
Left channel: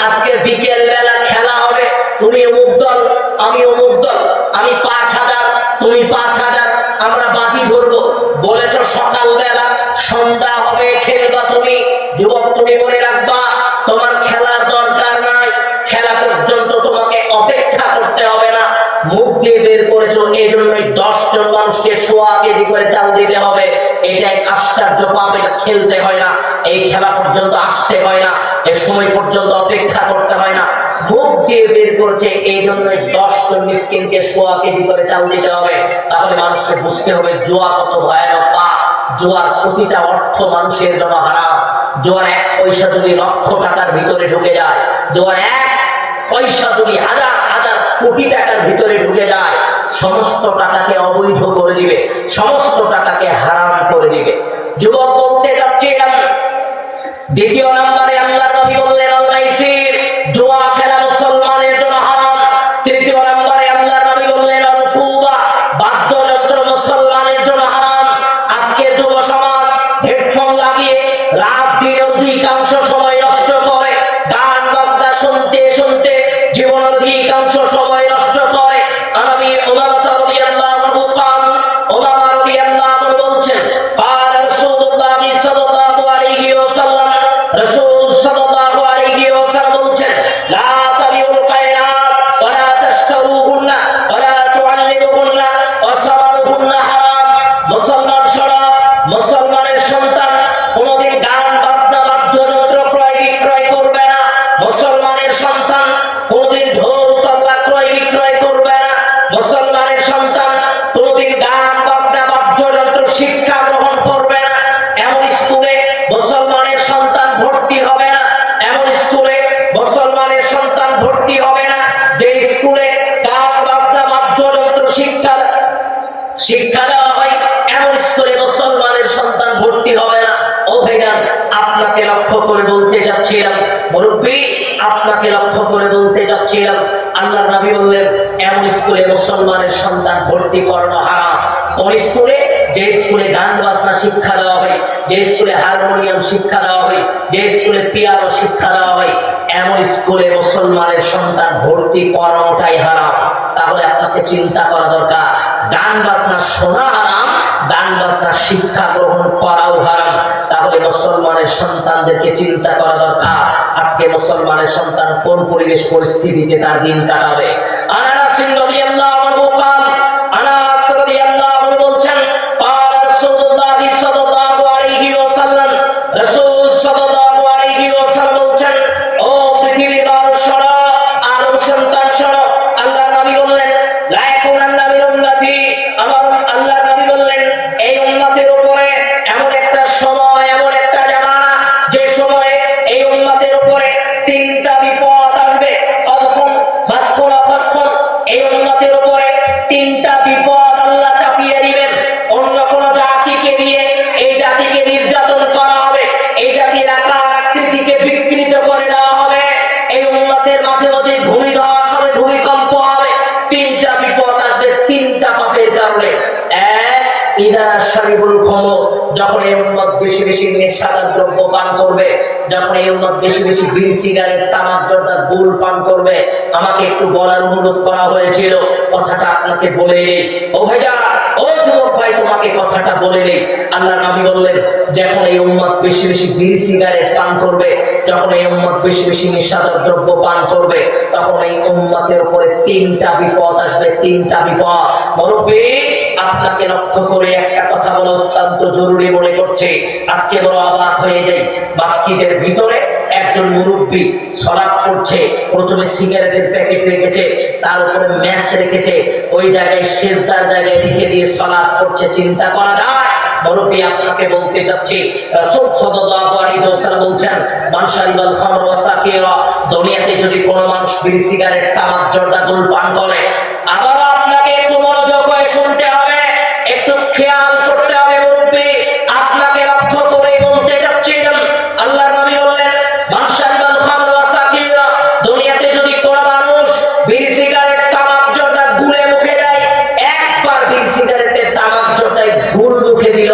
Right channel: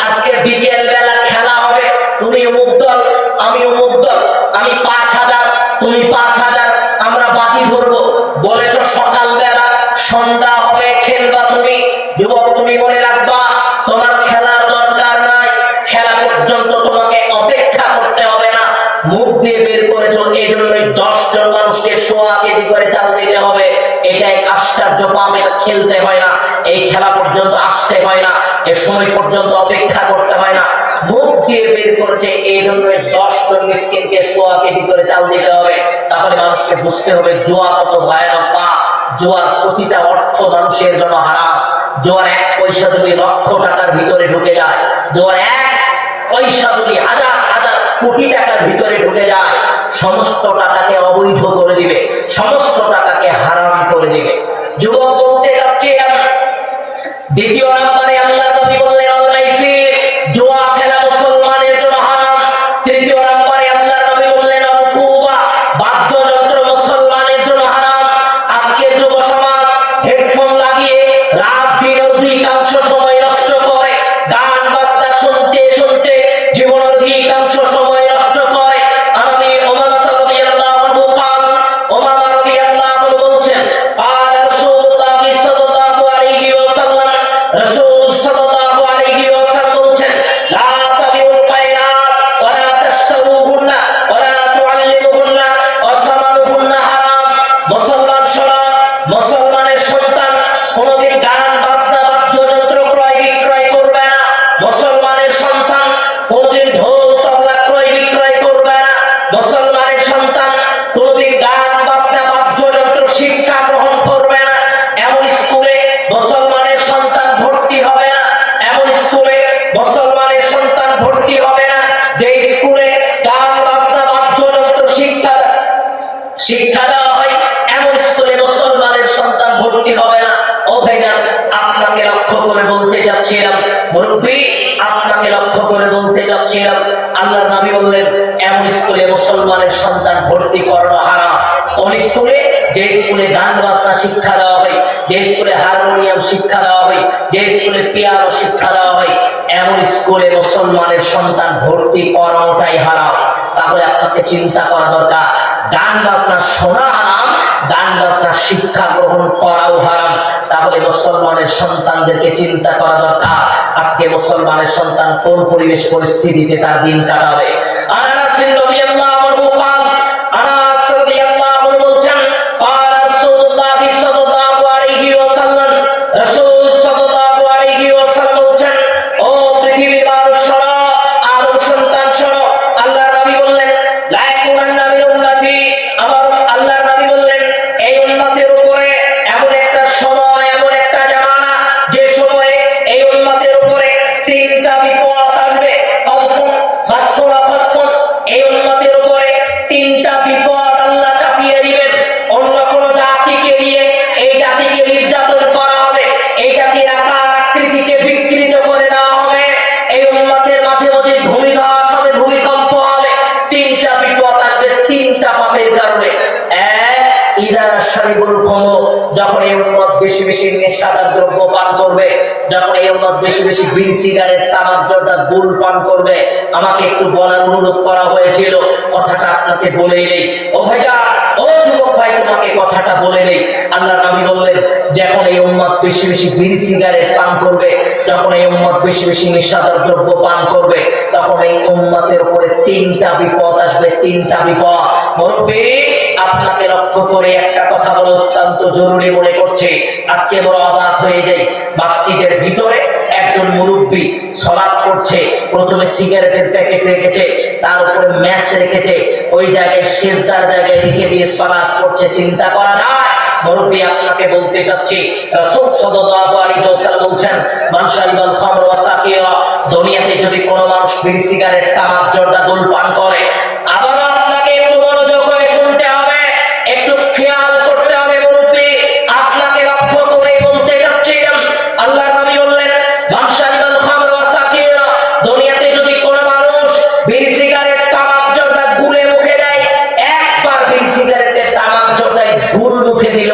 আজকে বিকেল বেলা খেলা হবে, তুমি অমুক দল আমি অমুক দল, আমি 5000 তুমি 5000, আমরা বাজি ধরবো। বলেছো সকালবেলা, সন্ধ্যা হবে খেলবা তুমি। যুবক, তুমি মনে রাখবা তোমার খেলার দরকার নাই, খেলা পর্যন্ত তোমাকে অপেক্ষা করতে হবে না। মুখ দিয়ে বের করেছো এই জন্যই 10 জন মানুষকে সোয়া কেজি করে চাল দিতে হবে। এটা এক আশ্চর্য পাপ, এটা খেলতে হয় না, এই খেলা পর্যন্ত আসতে হয় না, এ সময় পর্যন্ত অপেক্ষা করতে হয় না। মুখ দিয়ে বের করেছে এই জন্যই 10 জন মিসকিনকে সোয়া কেজি করে চাল দিতে হবে। তাহলে মানুষকে বুঝতে হবে জুয়া কত ভয়ানক পাপ, জুয়ার প্রতিটা অর্থ মানুষের জন্য হারাম। জুয়ার এক পয়সা যদি লক্ষ টাকার ভিতরে ঢুকে যায়, জুয়ার এক পয়সা যদি হাজার হাজার কোটি টাকার ভিতরে ঢুকে যায়, সমস্ত টাকাকে অবৈধ করে দিবে, সমস্ত টাকাকে হারাম করে দিবে। যুবক, বলতে যাচ্ছিলাম দ্বিতীয় নম্বরে আল্লাহর নবী বললেন আল-মাইসির, জুয়া খেলা মুসলমানের জন্য হারাম। তৃতীয় নম্বরে আল্লাহর নবী বললেন আল-কুবা, বাদ্যযন্ত্র মুসলমানের জন্য হারাম। আজকে যুব সমাজ হেডফোন লাগিয়ে রাত দিন অধিকাংশ সময় নষ্ট করে, গান বাজনা শুনতে শুনতে জীবনের অধিকাংশ সময় নষ্ট করে। আমি উমামা রাদিয়াল্লাহু আনহু قال, উমামা রাদিয়াল্লাহু আনহু বলছেন قال রাসূলুল্লাহ সাল্লাল্লাহু আলাইহি ওয়াসাল্লাম, শিক্ষা দেওয়া হয়, এমন স্কুলে মুসলমানের সন্তান ভর্তি হবে না। ও ভাইজান, আপনাকে লক্ষ্য করে বলতে চাচ্ছিলাম, মুরব্বী আপনাকে লক্ষ্য করে বলতে চাচ্ছিলাম, আল্লাহর নবী বললেন এমন স্কুলে মুসলমানের সন্তান ভর্তি করানো হারাম। কোন স্কুলে? যে স্কুলে গান বাজনা শিক্ষা দেওয়া হয়, যে স্কুলে হারমোনিয়াম শিক্ষা দেওয়া হয়, যে স্কুলে পিয়ানো শিক্ষা দেওয়া হয়, এমন স্কুলে মুসলমানের সন্তান ভর্তি করানোটাই হারাম। তাহলে আপনাকে চিন্তা করা দরকার, গান বাজনা শোনা হারাম, গান বাজনা শিক্ষা গ্রহণ করাও হারাম। তাহলে মুসলমানের সন্তানদেরকে চিন্তা করা দরকার, আজকে মুসলমানের সন্তান কোন পরিবেশ পরিস্থিতিতে তার দিন কাটাবে। আনাস রাদিয়াল্লাহু আনহু قال আনাস রাদিয়াল্লাহু আনহু বলছেন قال রাসূলুল্লাহ সাল্লাল্লাহু আলাইহি ওয়াসাল্লাম, রাসূল সাল্লাল্লাহু আলাইহি ওয়াসাল্লাম বলছেন, ও পৃথিবীর মানুষ শোনো, আদম সন্তান শোনো, আল্লাহর নবী বললেন লা ইয়াকুনান্না মিন উম্মতি, আমার আল্লাহর নবী বললেন এই উম্মতের উপরে এমন একটা সময়, এমন একটা জামানা, যে সময়ে এই উম্মতের উপরে তিনটা বিপদ আসবে। খালফুন মাসকুন ফাসকুন, এই উম্মতের উপরে তিনটা বিপদ আল্লাহ চাপিয়ে দিবেন। অন্য কোন জাতিকে দিয়ে এই জাতিকে নির্যাতন করা হবে, এই জাতির আকার আকৃতিকে বিকৃত করে দেওয়া হবে, এই উম্মতের মাঝে মাঝে ভূমিধস হবে, ভূমিকম্প হবে। তিনটা বিপদ আসবে তিনটা পাপের কারণে। এক, ইদা শারিবুল খামর, যখন এই উম্মত বেশি বেশি নেশাদার দ্রব্য পান করবে, যখন এই উম্মত বেশি বেশি বিড়ি সিগারেট তামাক জর্দা গুল পান করবে। আমাকে একটু বলার অনুরোধ করা হয়েছিল, কথাটা আপনাকে বলে নেই। ও ভাইয়া, ও যুবক ভাই, তোমাকে কথাটা বলে নেই। আল্লাহর নবী বললেন যখন এই উম্মত বেশি বেশি বিড়ি সিগারেট পান করবে, যখন এই উম্মত বেশি বেশি নেশাদার দ্রব্য পান করবে, তখন এই উম্মতের উপরে তিনটা বিপদ আসবে, তিনটা বিপদ। মুরব্বী আপনাকে লক্ষ্য করে একটা কথা বলা অত্যন্ত জরুরি মনে করছে। আজকে বড় অবাক হয়ে যাই, মসজিদের ভিতরে একজন মুরব্বী সালাত করছে, প্রথমে সিগারেটের প্যাকেট রেখেছে, তার উপরে ম্যাচ রেখেছে, ওই জায়গায় সিজদার জায়গায় রেখে দিয়ে সালাত করছে। চিন্তা করা যায়? মুরব্বী আপনাকে বলতে চাচ্ছি, রাসূল সাল্লাল্লাহু আলাইহি ওয়াসাল্লাম বলছেন মান শারিবাল খামর ওয়া সাকিরা, দুনিয়াতে যদি কোনো মানুষ বিড়ি সিগারেট তামাক জর্দা গুল পান করে, আবার আপনাকে একটু মনোযোগ করে শুনতে হবে, একটু খেয়াল করতে হবে। মুরব্বী আপনাকে লক্ষ্য করে বলতে যাচ্ছিলাম, আল্লাহর নবী বললেন মান শারিবাল খামর ওয়া সাকিরা, দুনিয়াতে যদি কোনো মানুষ বিড়ি সিগারেট তামাক জর্দা গুলে মুখে দেয়, একবার বিড়ি সিগারেটের তামাক জর্দায় গুল মুখে দিল,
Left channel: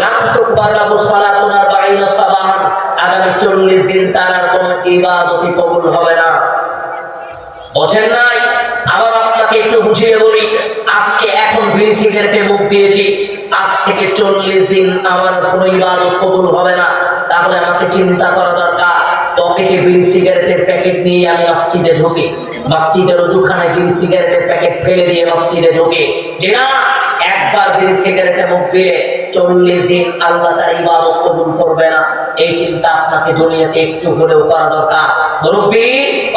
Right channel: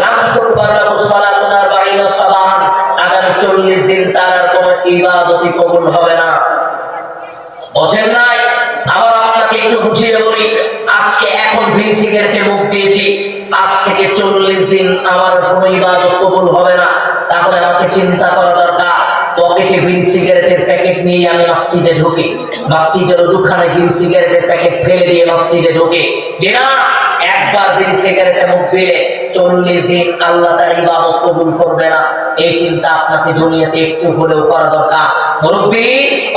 লাম তুকবার লাহু সালাতুন 40 সাবাহান, আগামী 40 দিন তার আর কোনো ইবাদতই কবুল হবে না। বোঝেন নাই? আবার আপনাকে একটু বুঝিয়ে বলি, আজকে এখন বিড়ি সিগারেটে মুখ দিয়েছি, আজ থেকে 40 দিন আমার কোনো ইবাদত কবুল হবে না। তাহলে আমাকে চিন্তা করা দরকার, পকেটে বিড়ি সিগারেটের প্যাকেট নিয়ে আমি মসজিদে ঢুকি, মসজিদের ওখানে বিড়ি সিগারেটের প্যাকেট ফেলে দিয়ে মসজিদে ঢুকি, যে না একবার বিড়ি সিগারেটে মুখ দিলে 40 দিন আল্লাহ তার ইবাদত কবুল করবে না। এই চিন্তা আপনাকে দুনিয়াতে একটু হলেও করা দরকার। মুরব্বী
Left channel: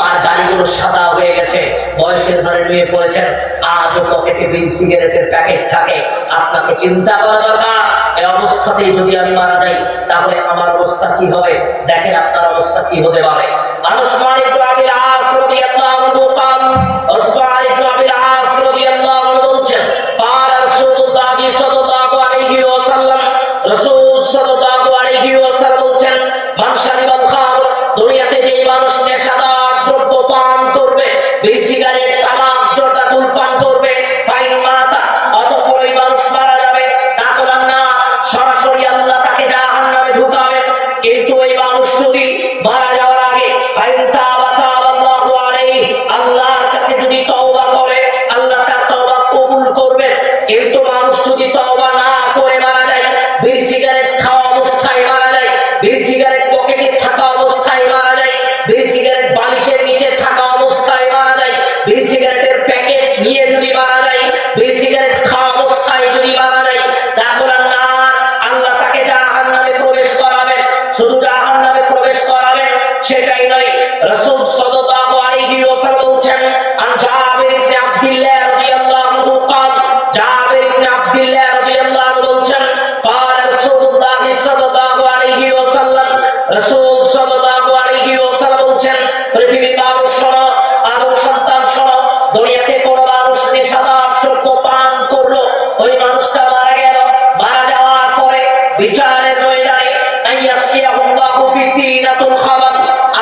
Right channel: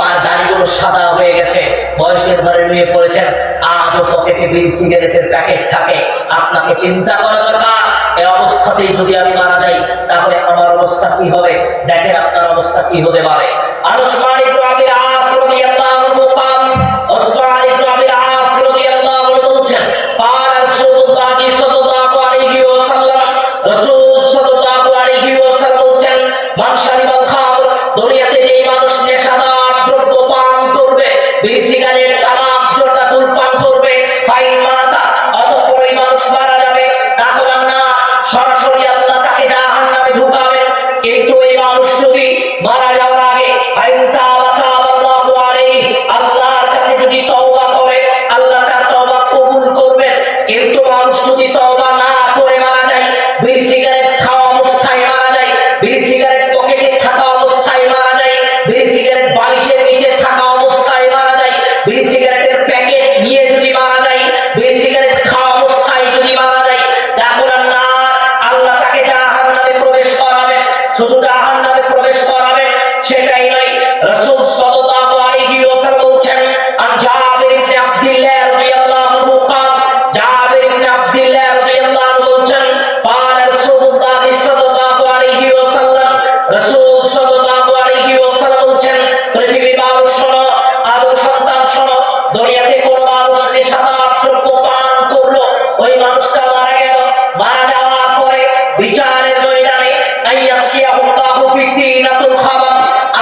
আর দাড়িগুলো সাদা হয়ে গেছে, বয়সের ধরে নিয়ে পড়েছেন, আজও পকেটে বিড়ি সিগারেটের প্যাকেট থাকে। আপনাকে চিন্তা করা দরকার, এই অবস্থাতেই যদি আমি মারা যাই তাহলে আমার অবস্থা কি হবে? দেখেন আপনার অবস্থা কি হতে পারে। উসমান ইবনে আবিল আস রাদিয়াল্লাহু আনহু قال, উসমান ইবনে আবিল আস রাদিয়াল্লাহু আনহু বলছেন قال রাসূলুল্লাহ সাল্লাল্লাহু আলাইহি ওয়াসাল্লাম, রাসূল সাল্লাল্লাহু আলাইহি ওয়াসাল্লাম বলছেন মান শারিবাল খামর, দুনিয়াতে যেই মানুষ নেশাদার দ্রব্য পান করবে, বিড়ি সিগারেট তামাক জর্দা গুল পান করবে, ফাইন মাতা, অতঃপর ওই মানুষ মারা যাবে, তাহলে না সরাসরি আল্লাহ তাকে জাহান্নামে ঢুকাবে। কিন্তু এই মানুষ যদি মারা যাওয়ার আগে ফাইন তাওবা আল্লাহু আলাইহি, আল্লাহর কাছে যদি তওবা করে, আল্লাহ তার তওবা কবুল করবে। কিন্তু মানুষ যদি তওবা না করে মারা যায়, বিড়ি সিগারেট খাওয়া অবস্থায় মারা যায়, বিড়ি সিগারেট পকেটে থাকা অবস্থায় মারা যায়, বিড়ি সিগারেট বালিশের নিচে থাকা অবস্থায় মারা যায়, বিড়ি সিগারেটের প্যাকেট নিয়ে যদি মারা যায়, বিড়ি সিগারেট খাওয়া অবস্থায় যদি মারা যায়, তাহলে না আল্লাহ তাকে জাহান্নামে প্রবেশ করাবে। শুধু জাহান্নামে প্রবেশ করাবে সেটাই নয়, রাসূল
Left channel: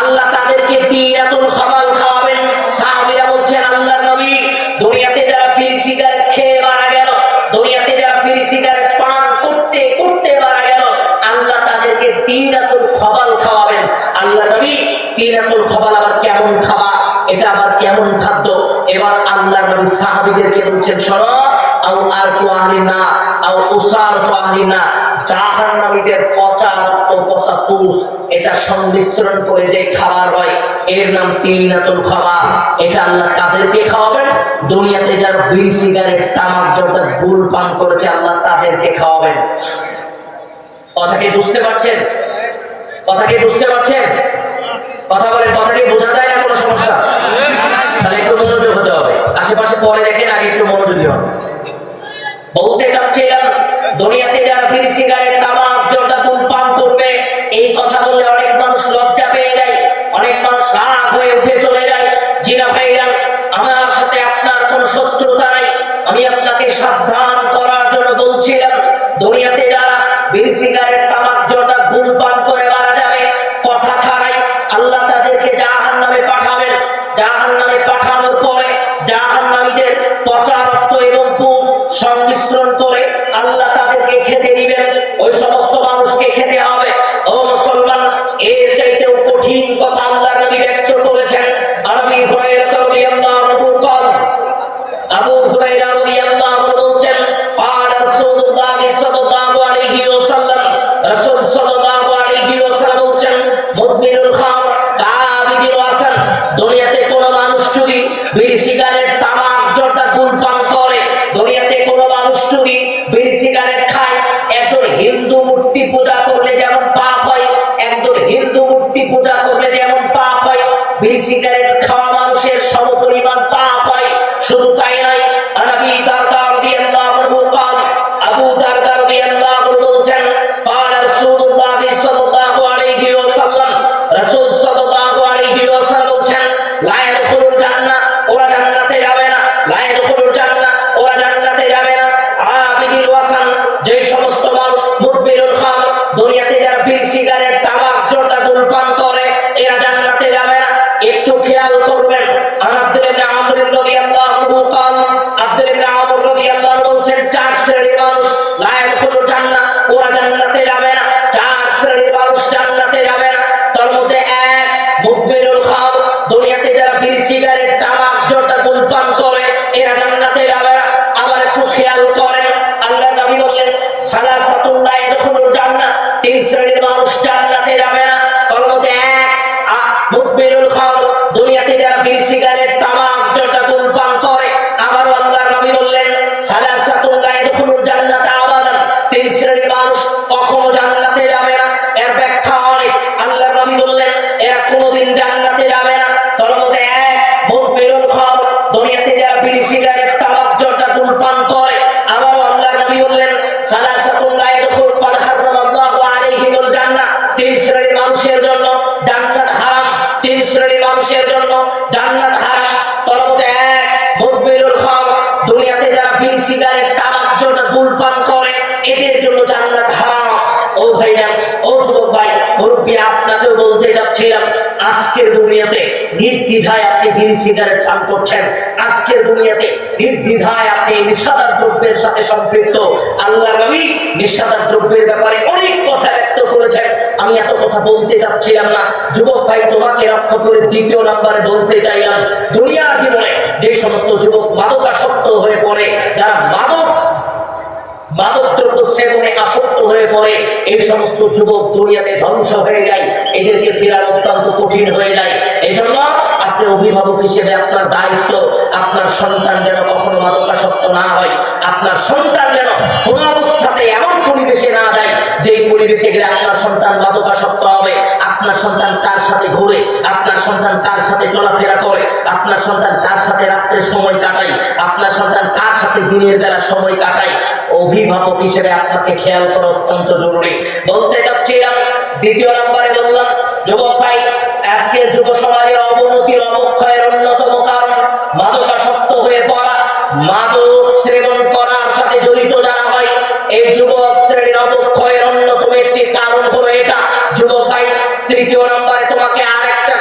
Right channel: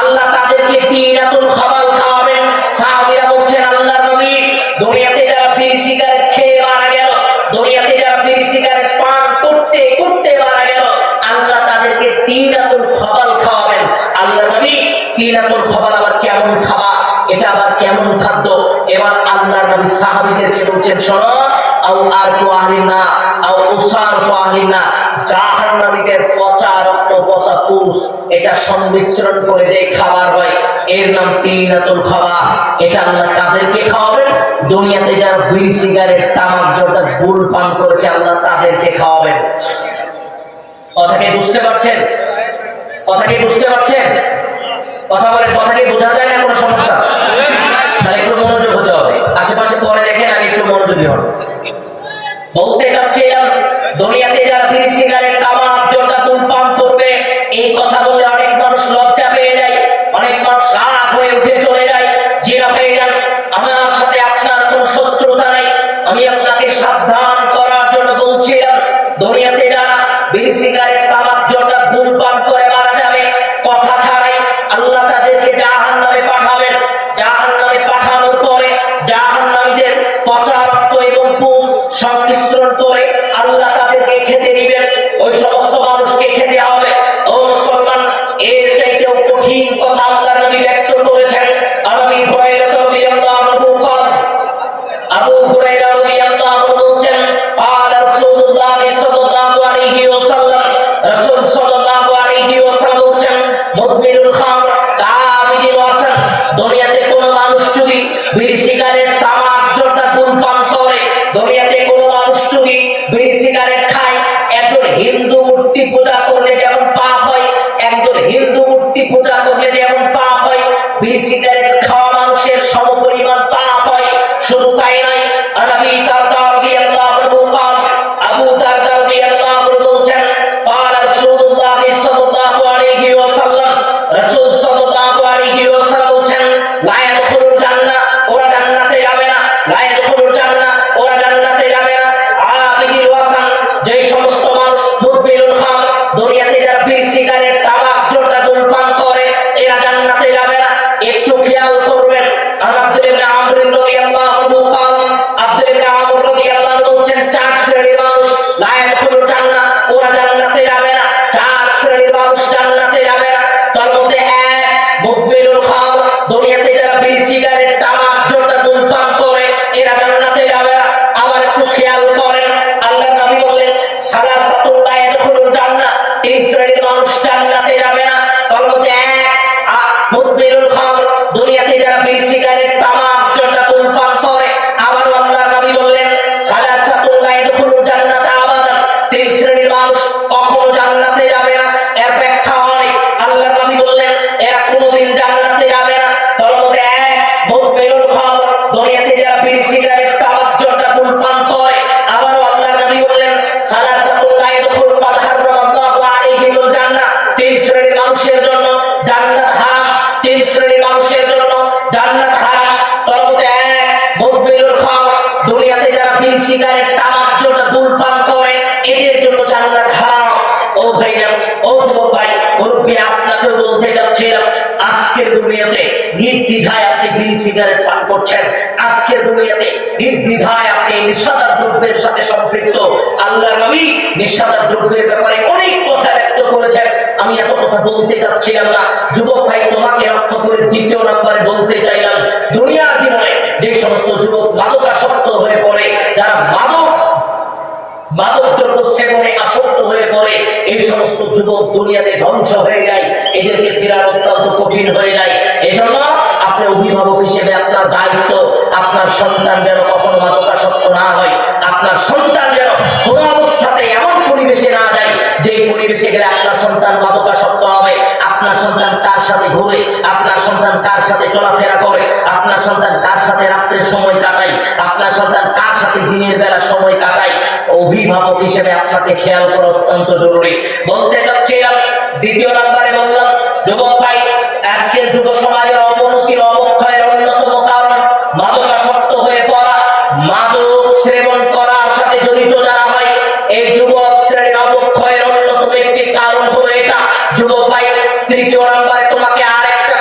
আল্লাহ তাদেরকে তিনাতুল খাবাল খাওয়াবেন। সাহাবীরা বলছেন আল্লাহর নবী, দুনিয়াতে যারা বিড়ি সিগারেট খেয়ে মারা গেল, দুনিয়াতে যারা বিড়ি সিগারেট পান করতে করতে মারা গেল, আল্লাহ তাদেরকে তিনাতুল খাবাল খাওয়াবেন। আল্লাহর নবী, তিনাতুল খাবাল আবার কেমন খাবার, এটা আবার কেমন খাদ্য? এবার আল্লাহর নবী সাহাবীদেরকে বলছেন, শোনো, আও আরকু আহলিনা আও উসারকু আহলিনা, জাহান্নামীদের পচা রক্ত, পচা পুষ, এটা সংমিশ্রণ করে যে খাবার হয় এর নাম তিনাতুল খাবার। এটা আল্লাহ কাদেরকে খাওয়াবেন? দুনিয়াতে যারা বিড়ি সিগারেট তামাক জর্দা গুল পান করেছে আল্লাহ তাদেরকে খাওয়াবেন। কথা কি বুঝতে পারছেন? কথা কি বুঝতে পারছেন? কথা বলেন, কথা কি বোঝা যায় না? কোনো সমস্যা? তাহলে একটু মনোযোগ হতে হবে, আশেপাশে পরে দেখেন, আগে একটু মনোযোগী হন। বলতে চাচ্ছিলাম, দুনিয়াতে যারা বিড়ি সিগারেট তামাক জর্দা গুল পান করবে, এই কথা বললে অনেক মানুষ লজ্জা পেয়ে যায়, অনেক মানুষ রাগ হয়ে উঠে চলে যায়। জিনা হয়ে যান, আমার সাথে আপনার কোনো শত্রুতা নাই, আমি আপনাকে সাবধান করার জন্য বলছিলাম। দুনিয়াতে যারা বিড়ি সিগারেট তামাক জর্দা গুল পান করে মারা যাবে, কথা ছাড়াই আল্লাহ তাদেরকে জাহান্নামে পাঠাবেন। জাহান্নামে পাঠানোর পরে জাহান্নামীদের পচা রক্ত এবং পুষ সংমিশ্রণ করে আল্লাহ তাদেরকে খেতে দিবেন। ওই সমস্ত মানুষকে খেতে হবে। ও মুসলমান, এর চাইতেও কঠিন কথা আল্লাহর নবী ব্যক্ত করেছেন। আবু হুরায়রা রাদিয়াল্লাহু আনহু قال, আবু হুরায়রা রাদিয়াল্লাহু আনহু বলছেন, قال রাসূলুল্লাহ সাল্লাল্লাহু আলাইহি ওয়াসাল্লাম, রাসূল সাল্লাল্লাহু আলাইহি ওয়াসাল্লাম বলছেন, মুদমিনুল খামর কাবিদিল ওয়াসান, দুনিয়াতে কোন মানুষ যদি বিড়ি সিগারেট তামাক জর্দা গুল পান করে, দুনিয়াতে কোন মানুষ যদি বিড়ি সিগারেট খায়, একজন হিন্দু মূর্তি পূজা করলে যেমন পাপ হয়, একজন হিন্দু মূর্তি পূজা করলে যেমন পাপ হয়, বিড়ি সিগারেট খাওয়া মানুষের সমপরিমাণ পাপ হয়। শুধু তাই নয়, আবু দারদা রাদিয়াল্লাহু আনহু قال, আবু দারদা রাদিয়াল্লাহু আনহু বলছেন, قال রাসূলুল্লাহ সাল্লাল্লাহু আলাইহি ওয়াসাল্লাম, রাসূল সাল্লাল্লাহু আলাইহি ওয়াসাল্লাম বলছেন, লা ইয়াদখুলুল জান্নাহ, ওরা জান্নাতে যাবে না। লা ইয়াদখুলুল জান্নাহ, ওরা জান্নাতে যাবে না। আবিদুল ওয়াসান, যে সমস্ত মানুষ মুদমিনুল খামর, দুনিয়াতে যারা বিড়ি সিগারেট তামাক জর্দা গুল পান করে, এরা জান্নাতে যাবে না। একটু খেয়াল করবেন। আব্দুল্লাহ ইবনে আমর রাদিয়াল্লাহু আনহু قال, আব্দুল্লাহ ইবনে আমর রাদিয়াল্লাহু আনহু বলছেন, চার শ্রেণীর মানুষ লা ইয়াদখুলুল জান্নাহ, ওরা জান্নাতে যাবে না। চার শ্রেণীর মানুষ জান্নাতে যাবে না। তার মধ্যে এক, মুদমিনুল খামর, দুনিয়াতে যারা বিড়ি সিগারেট তামাক জর্দা গুল পান করে, এরা জান্নাতে যাবে না। আবার একটু খেয়াল করেন, আল্লাহর নবী বললেন, সালাসাতুল লা ইয়াদখুলুল জান্নাহ, তিন শ্রেণীর মানুষ জান্নাতে যাবে না। তার মধ্যে এক, মুদমিনুল খামর, দুনিয়াতে যারা বিড়ি সিগারেট তামাক জর্দা গুল পান করে। আবারও আল্লাহর নবী বললেন, সালাসাতুল লা ইয়াদখুলুল জান্নাত আবাদান, তিন শ্রেণীর মানুষ কখনো জান্নাতে যাবে না। এর ব্যাখ্যা অনেক। আল্লাহর নবী বললেন, এরা কোনোদিন জান্নাতে যাবে না। তার মধ্যে এক, মুদমিনুল খামর, দুনিয়াতে যারা বিড়ি সিগারেট তামাক জর্দা গুল পান করে। আবারও আল্লাহর নবী বললেন, সালাসাতুল লা ইয়াদখুলু ক্বাদ হারামাল্লাহু আলাইহিমুল জান্নাহ, তিন শ্রেণীর মানুষের জন্য জান্নাত হারাম। তিন শ্রেণীর মানুষের জন্য জান্নাত হারাম। তার মধ্যে এক, মুদমিনুল খামর, দুনিয়াতে যারা বিড়ি সিগারেট তামাক জর্দা গুল পান করে, এদের জন্য জান্নাত হারাম। ও ভাইরা, ও যুবক ভাই, মুরব্বী, আপনাকেও বলতে যাচ্ছিলাম, আজকের দুনিয়াতে নির্দ্বিধায় আপনি বিড়ি সিগারেট পান করছেন। আজকের দুনিয়াতে নির্দ্বিধায় আপনি নেশাদার দ্রব্যের সাথে সম্পৃক্ত। আল্লাহর নবী নেশাদার দ্রব্যের ব্যাপারে অনেক কথা ব্যক্ত করেছেন। আমি এত কথা বলতে যাচ্ছিলাম না। যুবক ভাই, তোমাকে রক্ষা করে দ্বিতীয় নম্বরে বলতে চাইলাম, দুনিয়ার জীবনে যে সমস্ত যুবক মাদকাসক্ত হয়ে পড়ে, যারা মাদক দ্রব্য সেবনে আসক্ত হয়ে পড়ে, এই সমস্ত যুবক দুনিয়াতে ধ্বংস হয়ে যায়। এদেরকে ফেরানো অত্যন্ত কঠিন হয়ে যায়। এজন্য আপনি অভিভাবক হিসেবে আপনার দায়িত্ব, আপনার সন্তান যেন কখনো মাদকাসক্ত না হয়। আপনার সন্তান যেন কোনো অবস্থাতে এমন পরিবেশে না যায় যে পরিবেশে গেলে আপনার সন্তান মাদকাসক্ত হবে। আপনার সন্তান কার সাথে ঘুরে, আপনার সন্তান কার সাথে চলাফেরা করে, আপনার সন্তান কার সাথে রাত্রে সময় কাটায়, আপনার সন্তান কার সাথে দিনের বেলা সময় কাটায়, অভিভাবক হিসেবে আপনাকে খেয়াল করা অত্যন্ত জরুরি। বলতে চাচ্ছিলাম, দ্বিতীয় নম্বরে বললাম, যুবক ভাই, আজকের যুব সমাজের অবনতির অবক্ষয়ের অন্যতম কারণ মাদকাসক্ত হয়ে পড়া। মাদক সেবন করার সাথে জড়িত যারা হয়, এই যুবক শ্রেণীর অবক্ষয়ের অন্যতম একটি কারণ হলো এটা। যুবক ভাই, তৃতীয় নম্বরে তোমাকে আর একটা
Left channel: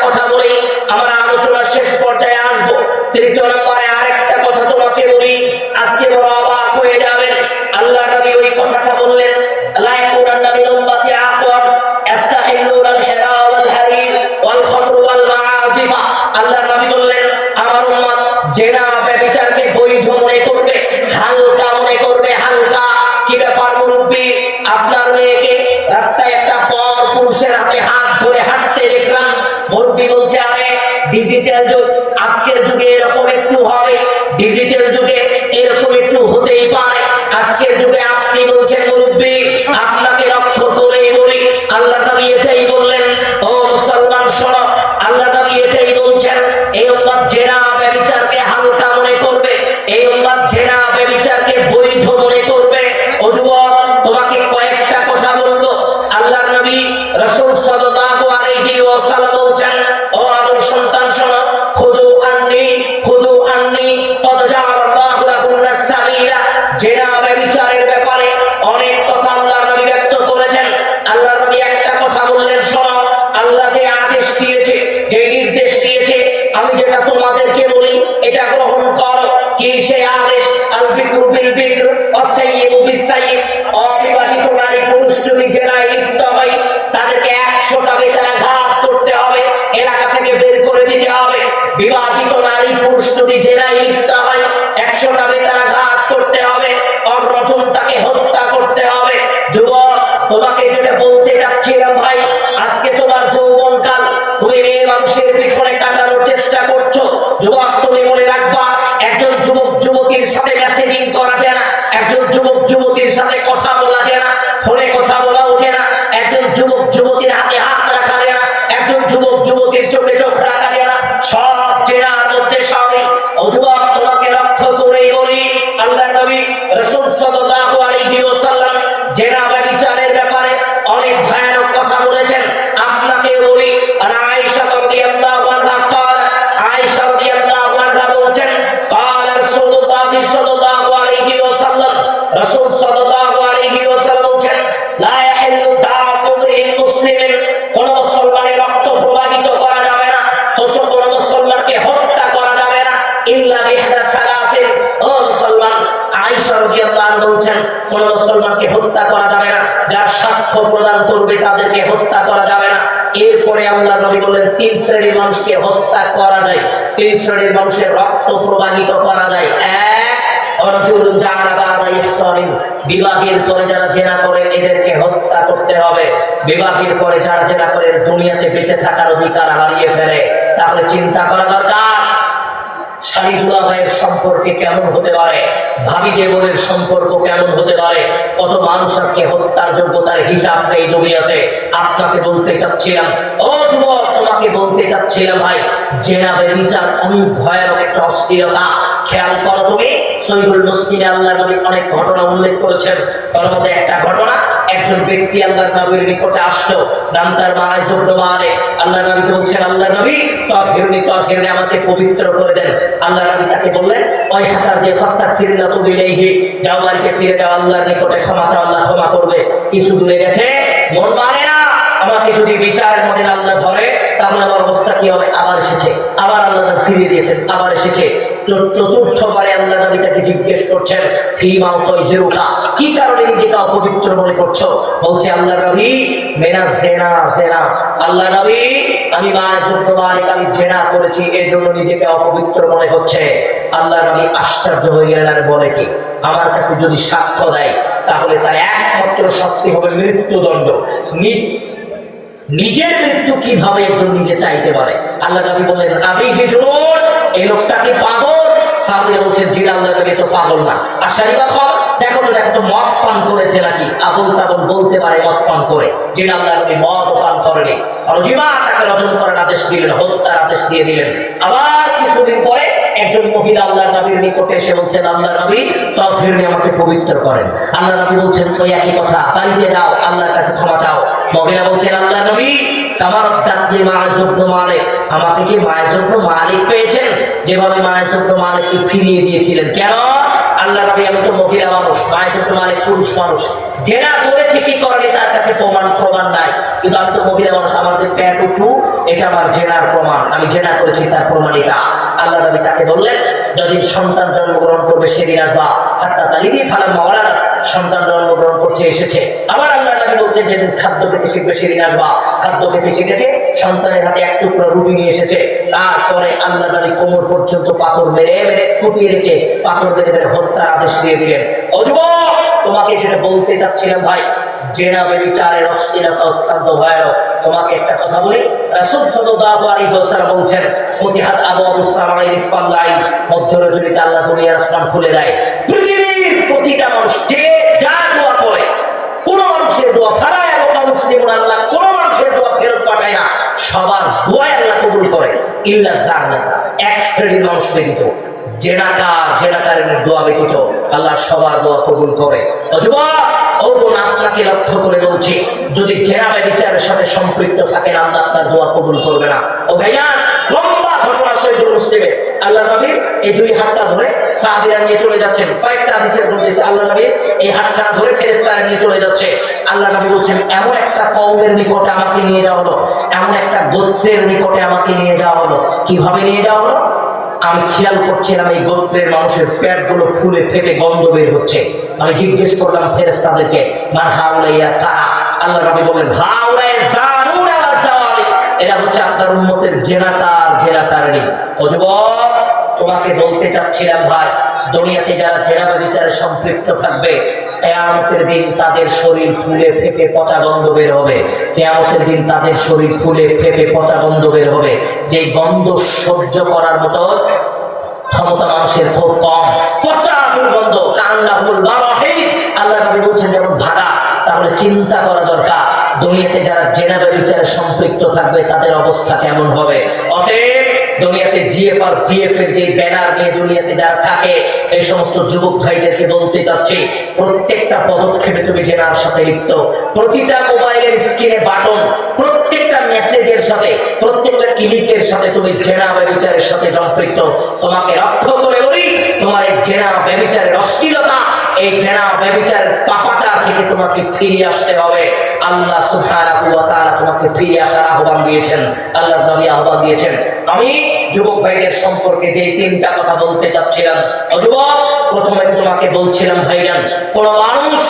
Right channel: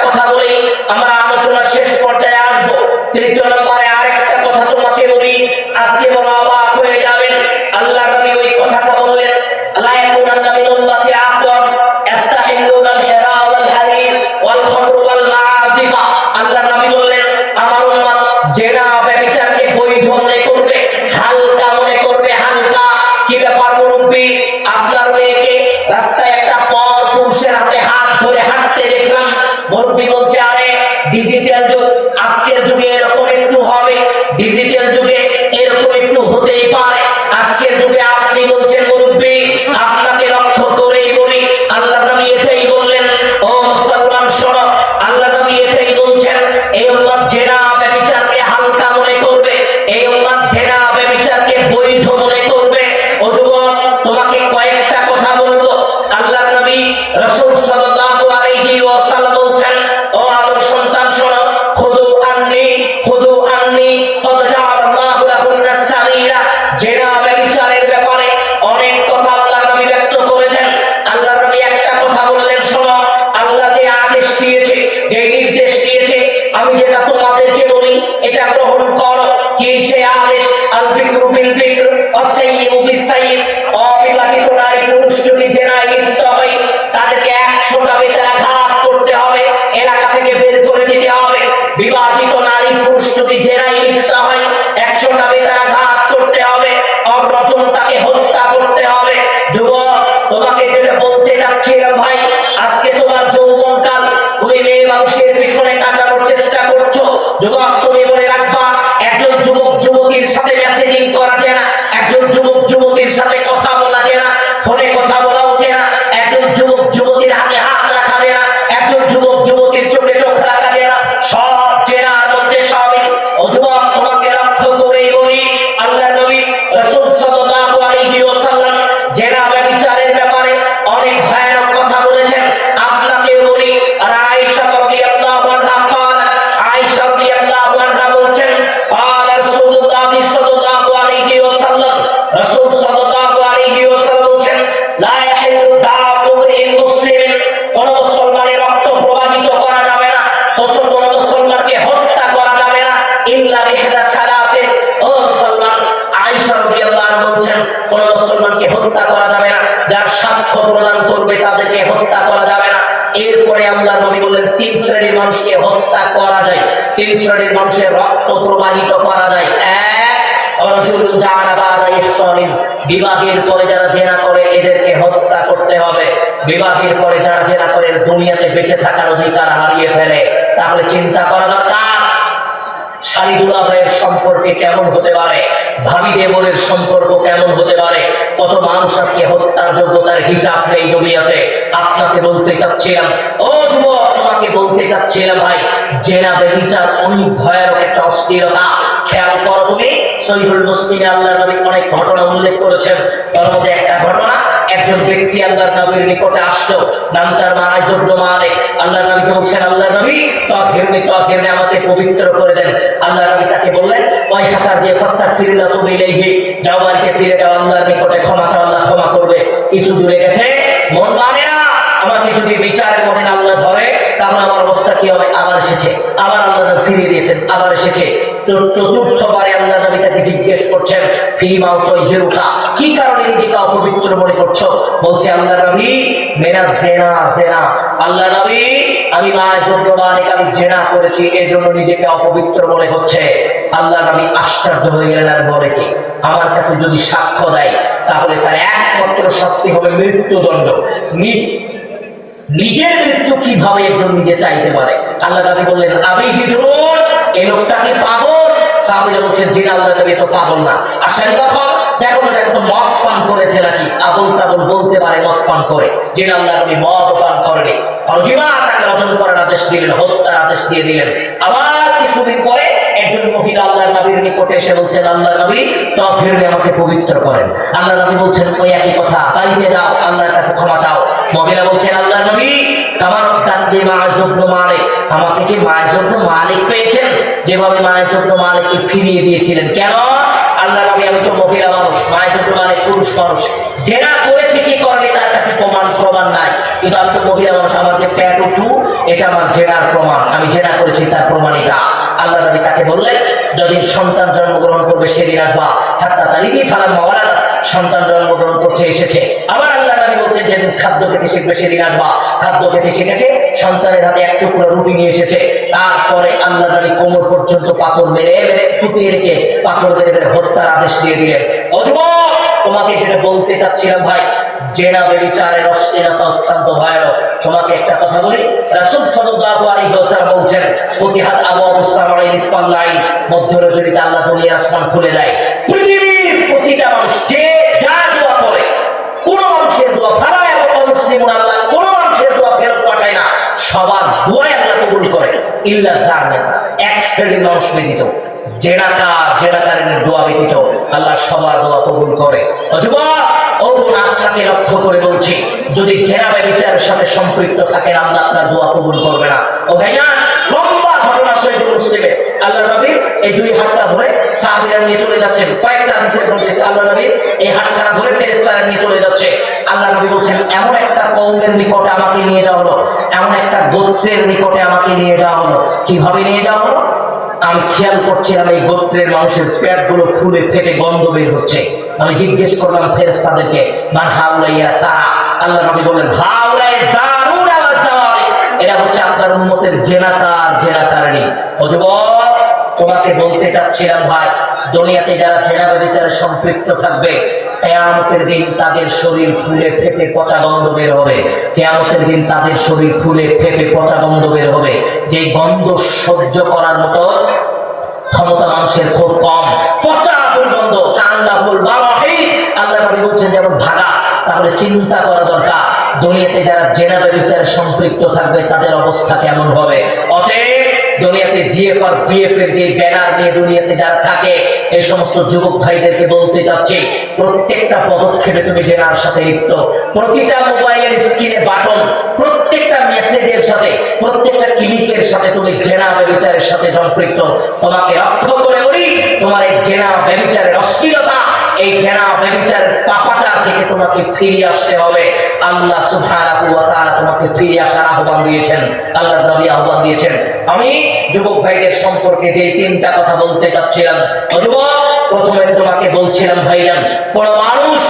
আমরা আলোচনার শেষ পর্যায়ে আসবো। তৃতীয় নম্বরে আরেকটা কথা তোমাকে বলি, আজকে বড় অবাক হয়ে যাবেন। আল্লাহ নবী ওই কথাটা বললেন, লা ইয়াকুনান্না মিন উম্মতি আখওয়ান ইস্তাহিল্লুনাল হিরা ওয়াল হারির ওয়াল খামর ওয়াল মাআজিফা। আল্লাহ নবী বললেন, আমার উম্মত জেনা ব্যভিচারকে বৈধ মনে করবে, হালকা মনে করবে, হালকা। কি ব্যাপার মুরব্বি, আপনার মেয়েকে রাস্তায় একটা পর পুরুষের হাতে হাত ধরে হাঁটতে দেখলাম, মুরব্বি বলছে আরে ডিজিটাল যুগ, আজকের যুগে এরকম একটু হবে, ডিজিটাল যুগে এরকম একটু হতেই পারে। আজকের যুগে আপনি বলছেন মুরব্বি, আপনাকে লক্ষ্য করেই বলি, আল্লাহ নবী এটাই বললেন, ও মুসলমান শোনো, আল্লাহ নবী এটাই বলছেন, এই উম্মত জেনা ব্যভিচারকে হালকা মনে করবে, এই উম্মত জেনা ব্যভিচারকে বৈধ মনে করবে। ও যুবক, তোমাকে কয়েকটা কথা বলবো। আল্লাহ নবী রাসূল সাল্লাল্লাহু আলাইহি ওয়াসাল্লাম বলছেন, ও আদম সন্তান শোনো, খুদু আন্নি কদ জাআলাল্লাহু লাকুন্না সাবিলা। জেনা ব্যভিচারের ব্যাপারে অনেক কথা আল্লাহ নবী ব্যক্ত করেছেন। আল্লাহ নবী একটা কথা বললেন, শোনো, আল্লাহ যে আদেশ দিয়েছে, যে নির্দেশ দিয়েছে, আমি যেটা তোমাদেরকে বলি এটা গ্রহণ করো। কি সে আদেশ? আল বিকরু বিল বিকর ওয়াস সাইয়্যিবু বিস সাইয়্যিব। অবিবাহিত নারী পুরুষ যদি জেনায় লিপ্ত হয়, তাদেরকে 100টা বেত্রাঘাত করতে হবে, এলাকা থেকে বের করে দিতে হবে। বিবাহিত নারী পুরুষ যদি জেনায় লিপ্ত হয়, 100টা বেত্রাঘাত করতে হবে, অরজম তাকে হত্যা করতে হবে। যুবক, তোমাকে যেটা বলতে যাচ্ছিলাম ভাই, আজকে তোমার যৌবনকাল, তুমি মেয়ে মানুষের পিছনে কাটানোর চেষ্টা করছো। যুবক, তুমি মনে রাখবা, একজন যুবক যুবতীর সাথে মেসেজিং করা যায় না, একজন যুবক যুবতীর সাথে কথা বলা যায় না, ফোনে কথা বলা উঠে না, একজন যুবক যুবতীর হাতে হাত রাখা যায় না, একজন যুবক যুবতীর চোখে চোখ রাখা যায় না, সব জেনার মধ্যে শামিল। ও যুবক, তোমাকে লক্ষ্য করেই বলি, আল্লাহর নবী রাসূল সাল্লাল্লাহু আলাইহি ওয়াসাল্লাম জেনা ব্যভিচারের ব্যাপারে অনেক ভয়ানক কথা বলেছেন। আপনাকে বলি, আর আয়েশা রাদিয়াল্লাহু আনহা আয়েশা রাদিয়াল্লাহু আনহা বলছেন, قال رسول الله صلى الله عليه وسلم, রাসূল সাল্লাল্লাহু আলাইহি ওয়াসাল্লাম বলছেন, লা ইয়াহিল্লু দামু মুসলিমিন, কোন মুসলমানের রক্ত প্রবাহিত করা যাবে না, কোন মুসলমানকে হত্যা করা যাবে না, ইল্লা বিহদা সালাসিন। ও মুসলমান, আয়েশা রাদিয়াল্লাহু আনহা বলছেন, কোন মুসলমানকে হত্যা করা যাবে না, যারা সাক্ষ্য প্রদান করবে তাদেরকে হত্যা করা যাবে না। এরপরে আল্লাহ নবী বলেন, 3 শ্রেণীর মানুষকে হত্যা করা যায়, 3 শ্রেণীর মানুষের রক্ত প্রবাহিত করা যায়। এক, রাজুলুন জানা বাদা ইহসানিন, বিবাহের পরে যারা জেনা করে এদেরকে হত্যা করতে হবে। বিবাহের পরে যারা জেনা করে দুনিয়াতে বেঁচে থাকার অধিকার হারিয়ে ফেলে, তাহলে চিন্তা করা দরকার। শালী দুলাভাইয়ের সম্পর্কে কেমন হতে পারে, ভাবি দেবরের সম্পর্ক কেমন হতে পারে, কত মানুষ আজকে হত্যার যোগ্যতার হিসাব নেই দুনিয়াতে। আপনাকে বলতে চাচ্ছিলাম, ও যুবক, তোমাকে বলতে চাচ্ছিলাম ভাই, জেনা ব্যভিচার অনেক ভয়ানক একটা অশ্লীলতা। খেয়াল করো তুমি, সহিহুল মুসলিমে আল্লাহর নবী অনেক ঘটনা উল্লেখ করেছেন। তার মধ্যে একটা ঘটনা, একজন ব্যক্তি আল্লাহর নবীর নিকটে আসলো, নাম তার মারাজ ইবনে মালিক। আল্লাহর নবীকে বলছেন, আল্লাহর নবী তাহিরনি আমাকে পবিত্র করে দেন। আল্লাহর নবী তাকে বললেন, ওই হাতার যে ফাস্তাগফিরুল্লাহ তুবু ইলাইহি, যাও বাড়িতে ফিরে যাও, আল্লাহর নিকটে ক্ষমা চাও, আল্লাহ ক্ষমা করবে। কিছু দূরে গেছে, মন মানে না, আমাকে যদি বিচারের মধ্যে আল্লাহ ধরে তাহলে আমার অবস্থা কি হবে। আবার এসেছে, আবার আল্লাহ নবী ফিরিয়ে দিয়েছেন, আবার এসেছে। চতুর্থবারে আল্লাহ নবী তাকে জিজ্ঞেস করছেন, ফিমা তাহিরুকা, কি কারণে নিজেকে অপবিত্র মনে করছো? বলছে, আল্লাহ নবী মেরা জেনা জেনা, আল্লাহ নবী আমি মায়ের আমি জেনা করেছি, এজন্য নিজেকে অপবিত্র মনে হচ্ছে। আল্লাহ নবী আশ্চর্য হয়ে গেলেন, আর বলে কি, আমার কাছে যদি সাক্ষ্য দেয় তাহলে তার একমাত্র শাস্তি হবে মৃত্যুদণ্ড। নিজের মৃত্যু কিভাবে একজন নিজে চাইতে পারে? আল্লাহ নবী বললেন, আমি কি জুনুন, এই লোকটা কি পাগল? সাহাবীরা বলছেন, জি আল্লাহ নবী তো পাগল না। আর সেই রকম দেখো তো মদ পান করেছে নাকি, আবুল তাবুল বলতে পারে মদ পান করে, জি আল্লাহ নবী মদ পান করেনি। আর জিমা তাকে রজম করার আদেশ দিলেন, হত্যার আদেশ দিয়ে দিলেন। আবার কিছুদিন পরে একজন মহিলা আল্লাহ নবীর নিকটে এসে বলছেন, আল্লাহ নবী তাহিরনি আমাকে পবিত্র করেন। আল্লাহ নবী বলছেন, ওই একই কথা, বাড়িতে যাও, আল্লাহর কাছে ক্ষমা চাও। মহিলা বলছেন, আল্লাহ নবী আমার ডাকে মায়েজ ইবনে মালিক, আমাকে কি মায়েজ ইবনে মালিক পেয়েছেন? যেভাবে মায়েজ ইবনে মালিককে ফিরিয়ে দিয়েছিলেন, কেন? আল্লাহ নবী আমি তো মহিলা মানুষ, মায়ের মালিক পুরুষ মানুষ, জেনা করেছে কি করেনি তার কাছে প্রমাণ নাই, কিন্তু আমি তো মহিলা মানুষ, আমার যে প্যান্ট উঁচু এটা আমার জেনার প্রমাণ, আমি জেনা করেছি তার প্রমাণ এটা। আল্লাহ নবী তাকে বললেন যেদিন সন্তান জন্মগ্রহণ করবে সেদিন আসবা, হাত্তা তালিদি ফালাম মাওলানা, সন্তান জন্মগ্রহণ করছে এসেছে। আবার আল্লাহ নবী বলছেন যেদিন খাদ্য খেতে শিখবে সেদিন আসবা, খাদ্য খেতে শিখেছে, সন্তানের হাতে এক টুকরো রুটি নিয়ে এসেছে। তারপরে আল্লাহ নবী কোমর পর্যন্ত পাথর মেরে মেরে কুপিয়ে রেখে পাথর মেরে মেরে হত্যার আদেশ দিয়ে দিলেন। ও যুবক, তোমাকে যেটা বলতে চাচ্ছিলাম ভাই, জেনা ব্যভিচারের অশ্লীলতা অত্যন্ত ভয়ানক। তোমাকে একটা কথা বলি, রাসূল সাল্লাল্লাহু আলাইহি ওয়াসাল্লাম বলছেন ফতিহাত আবওয়াবুস সামাই নিসফাল লাইল, মধ্য রজনীতে আল্লাহ দুনিয়ার আসমান খুলে দেয়। পৃথিবীর প্রতিটা মানুষ যে যা দোয়া করে, কোন মানুষের দোয়া ফালায় আল্লাহ মুসলিমুন, আল্লাহ কোন মানুষের দোয়া ফেরত পাঠায় না, সবার দোয়াই আল্লাহ কবুল করে, ইল্লা জান্নাত, এক শ্রেণীর মানুষ ব্যতীত, জেনাকারের দোয়া ব্যতীত আল্লাহ সবার দোয়া কবুল করে। যুবক ও বোন, আপনাকে লক্ষ্য করে বলছি, যদি জেনা ব্যভিচারের সাথে সম্পৃক্ত থাকেন আল্লাহ আপনার দোয়া কবুল করবে না। ও ভাইজান, লম্বা ঘটনা সহিহ মুসলিমে, আল্লাহ নবী এই দুই হাতটা ধরে সাহাবীরা নিয়ে চলে যাচ্ছেন। কয়েকটা হাদিসে বলতেছে আল্লাহ নবী এই হাতখানা ধরে ফেরেশতারা নিয়ে চলে যাচ্ছে। আল্লাহ নবী বলছেন এমন একটা কওমের নিকটে আমাকে নিয়ে যাওয়া হলো, এমন একটা গোত্রের নিকটে আমাকে নিয়ে যাওয়া হলো। কিভাবে নিয়ে যাওয়া হলো? আমি খেয়াল করছিলাম এই গোত্রের মানুষের পেট গুলো ফুলে ফেটে গন্ধ বের হচ্ছে। আমি জিজ্ঞেস করলাম ফেরেশতাদেরকে, মান হাউলাইয়া কারা? আল্লাহ নবী বললেন হাউলাই জানুরা ওয়া জাওয়ারি, এরা হচ্ছে আপনার উম্মতের জেনাকারী। ও যুবক, তোমাকে বলতে চাচ্ছিলাম ভাই, দুনিয়াতে যারা জেনা ব্যভিচারে সম্পৃক্ত থাকবে, কিয়ামতের দিন তাদের শরীর ফুলে ফেপে পচা গন্ধ বের হবে। কিয়ামতের দিন তাদের শরীর ফুলে ফেপে পচা গন্ধ বের হবে, যে গন্ধ সহ্য করার মতো ক্ষমতা মানুষের খুব কম। পচা দুর্গন্ধ, কান্নাহুল বারাহি, আল্লাহ নবী বলছেন যেমন ভাড়া। তাহলে চিন্তা করা দরকার, দুনিয়াতে যারা জেনা ব্যভিচারে সম্পৃক্ত থাকবে তাদের অবস্থা কেমন হবে। অতএব দুনিয়াতে জিএফআর পিএফ এর যে ব্যানার নিয়ে দুনিয়াতে যারা থাকে, এই সমস্ত যুবক ভাইদেরকে বলতে চাচ্ছি, প্রত্যেকটা পদক্ষেপে তুমি জেনার সাথে লিপ্ত, প্রতিটা মোবাইলের স্ক্রিনে বাটন, প্রত্যেকটা মেসেজের সাথে, প্রত্যেকটা ক্লিকের সাথে তুমি জেনা ব্যভিচারের সাথে সম্পৃক্ত। তোমাকে লক্ষ্য করে বলি, তোমার এই জেনা ব্যভিচারের অশ্লীলতা, এই জেনা ব্যভিচারের পাপাচার থেকে তোমাকে ফিরে আসতে হবে। আল্লাহ সুবহানাহু ওয়া তাআলা তোমাকে ফিরে আসার আহ্বান দিয়েছেন, আল্লাহর নবী আহ্বান দিয়েছেন। আমি যুবক ভাইদের সম্পর্কে যে তিনটা কথা বলতে চাচ্ছিলাম, ও যুবক, প্রথমে তোমাকে বলছিলাম ভাইজান, কোন মানুষ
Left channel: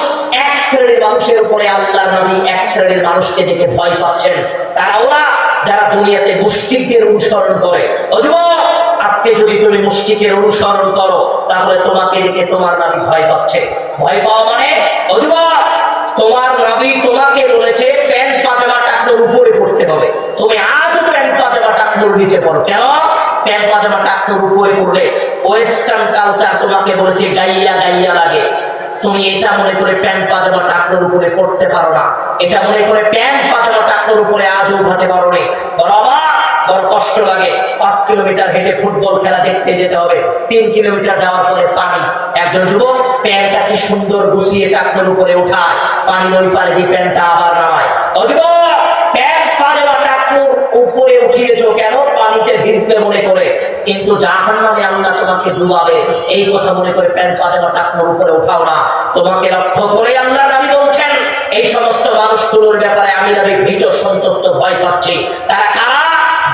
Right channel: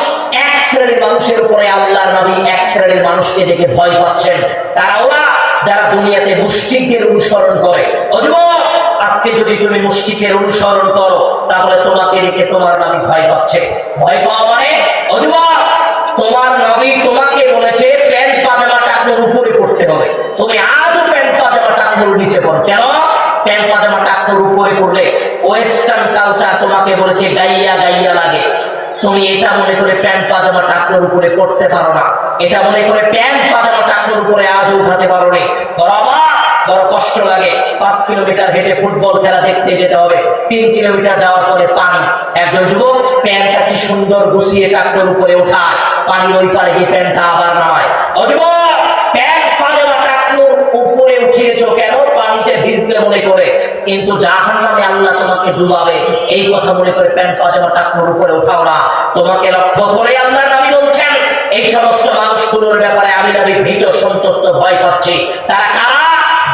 এক শ্রেণীর মানুষের উপরে আল্লাহর নবী এক শ্রেণীর মানুষকে দেখে ভয় পাচ্ছেন, তারা ওরা যারা দুনিয়াতে মুশরিকদের অনুসরণ করে। ও যুবক, আজকে যদি তুমি মুশরিকের অনুসরণ করো, তাহলে তোমাকে দেখে তোমার নবী ভয় পাচ্ছে। ভয় পাওয়া মানে, ও যুবক, তোমার নবী তোমাকে বলেছে প্যান্ট পাজামা টাকনোর উপরে পড়তে হবে, তুমি আজও প্যান্ট পাজামা টাকনোর নিচে পড়ো। কেন? প্যান্ট পাজামা টাকনোর উপরে পড়লে ওয়েস্টার্ন কালচার তোমাকে বলেছে গাইয়া গাইয়া লাগে। তুমি এটা মনে করে প্যান্ট পাজামা টাকনোর উপরে পড়তে পারো না, এটা মনে করে প্যান্ট পাজামা টাকনোর উপরে আজও উঠাতে পারো নি। বড় কষ্ট লাগে। 5 কিলোমিটার হেঁটে ফুটবল খেলা দেখতে যেতে হবে, 3 কিলোমিটার যাওয়ার পরে পানি। একজন যুবক প্যান্টটা কি সুন্দর গুছিয়ে টাকনোর উপরে ওঠায়, পানির ওই পারে গিয়ে প্যান্টটা আবার নামায়। ও যুবক, প্যান্ট পাজামা টাকনোর উপরে উঠিয়েছো কেন? পানিতে ভিজবে মনে করে, কিন্তু জাহান্নামে আল্লাহ তোমাকে ডুবাবে এই কথা মনে করে প্যান্ট পাজামা টাকনোর উপরে উঠাও না। তোমাকে লক্ষ্য করে আল্লাহ নবী বলছেন, এই সমস্ত মানুষগুলোর ব্যাপারে আমি নবী ভীত সন্তুষ্ট ভয় পাচ্ছি। তারা কারা?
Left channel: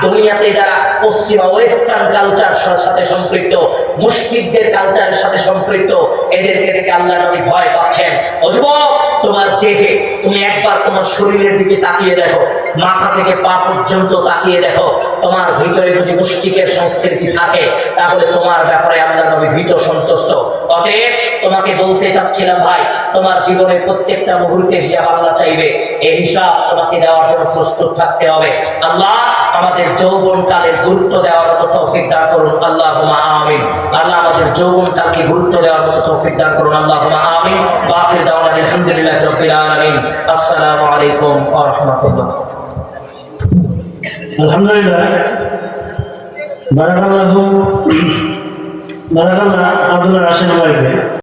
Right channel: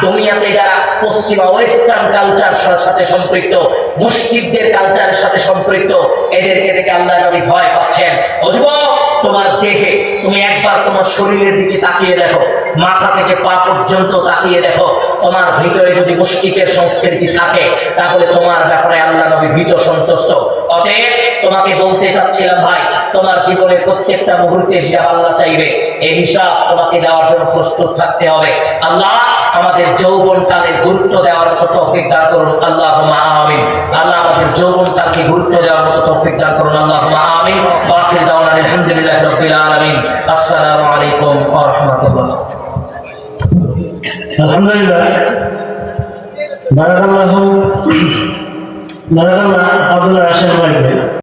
দুনিয়াতে যারা পশ্চিমা ওয়েস্টার্ন কালচারের সাথে সম্পৃক্ত, মুশরিকদের কালচারের সাথে সম্পৃক্ত, এদেরকে দেখে আল্লাহ নবী ভয় পাচ্ছেন। ও যুবক, তোমার দেহে তুমি একবার তোমার শরীরের দিকে তাকিয়ে দেখো, মাথা থেকে পা পর্যন্ত তাকিয়ে দেখো, তোমার ভিতরে যদি মুশরিকের সংস্কৃতি থাকে, তাহলে তোমার ব্যাপারে আল্লাহ নবী ভীত সন্তুষ্ট। অতএব তোমাকে বলতে চাচ্ছিলাম ভাই, তোমার জীবনে প্রত্যেকটা মুহূর্তে হিসাব আল্লাহ চাইবে, এই হিসাব তোমাকে দেওয়ার জন্য প্রস্তুত থাকতে হবে। আল্লাহ আমাদের যৌবন কালের গুরুত্ব দেওয়ার মতো তৌফিক দান করুন, আল্লাহুম্মা আমিন। আল্লাহ আমাদের যৌবন কালকে গুরুত্ব দেওয়ার মতো তৌফিক দান করুন, আল্লাহুম্মা আমিন। ওয়া আখির দাওয়ানা আলহামদুলিল্লাহি রাব্বিল আলামিন। আসসালামু আলাইকুম ওয়া রাহমাতুল্লাহ। আলহামদুলিল্লাহ, বারাকাল্লাহু আব্দুল্লাহ রাশেদ ভাইকে।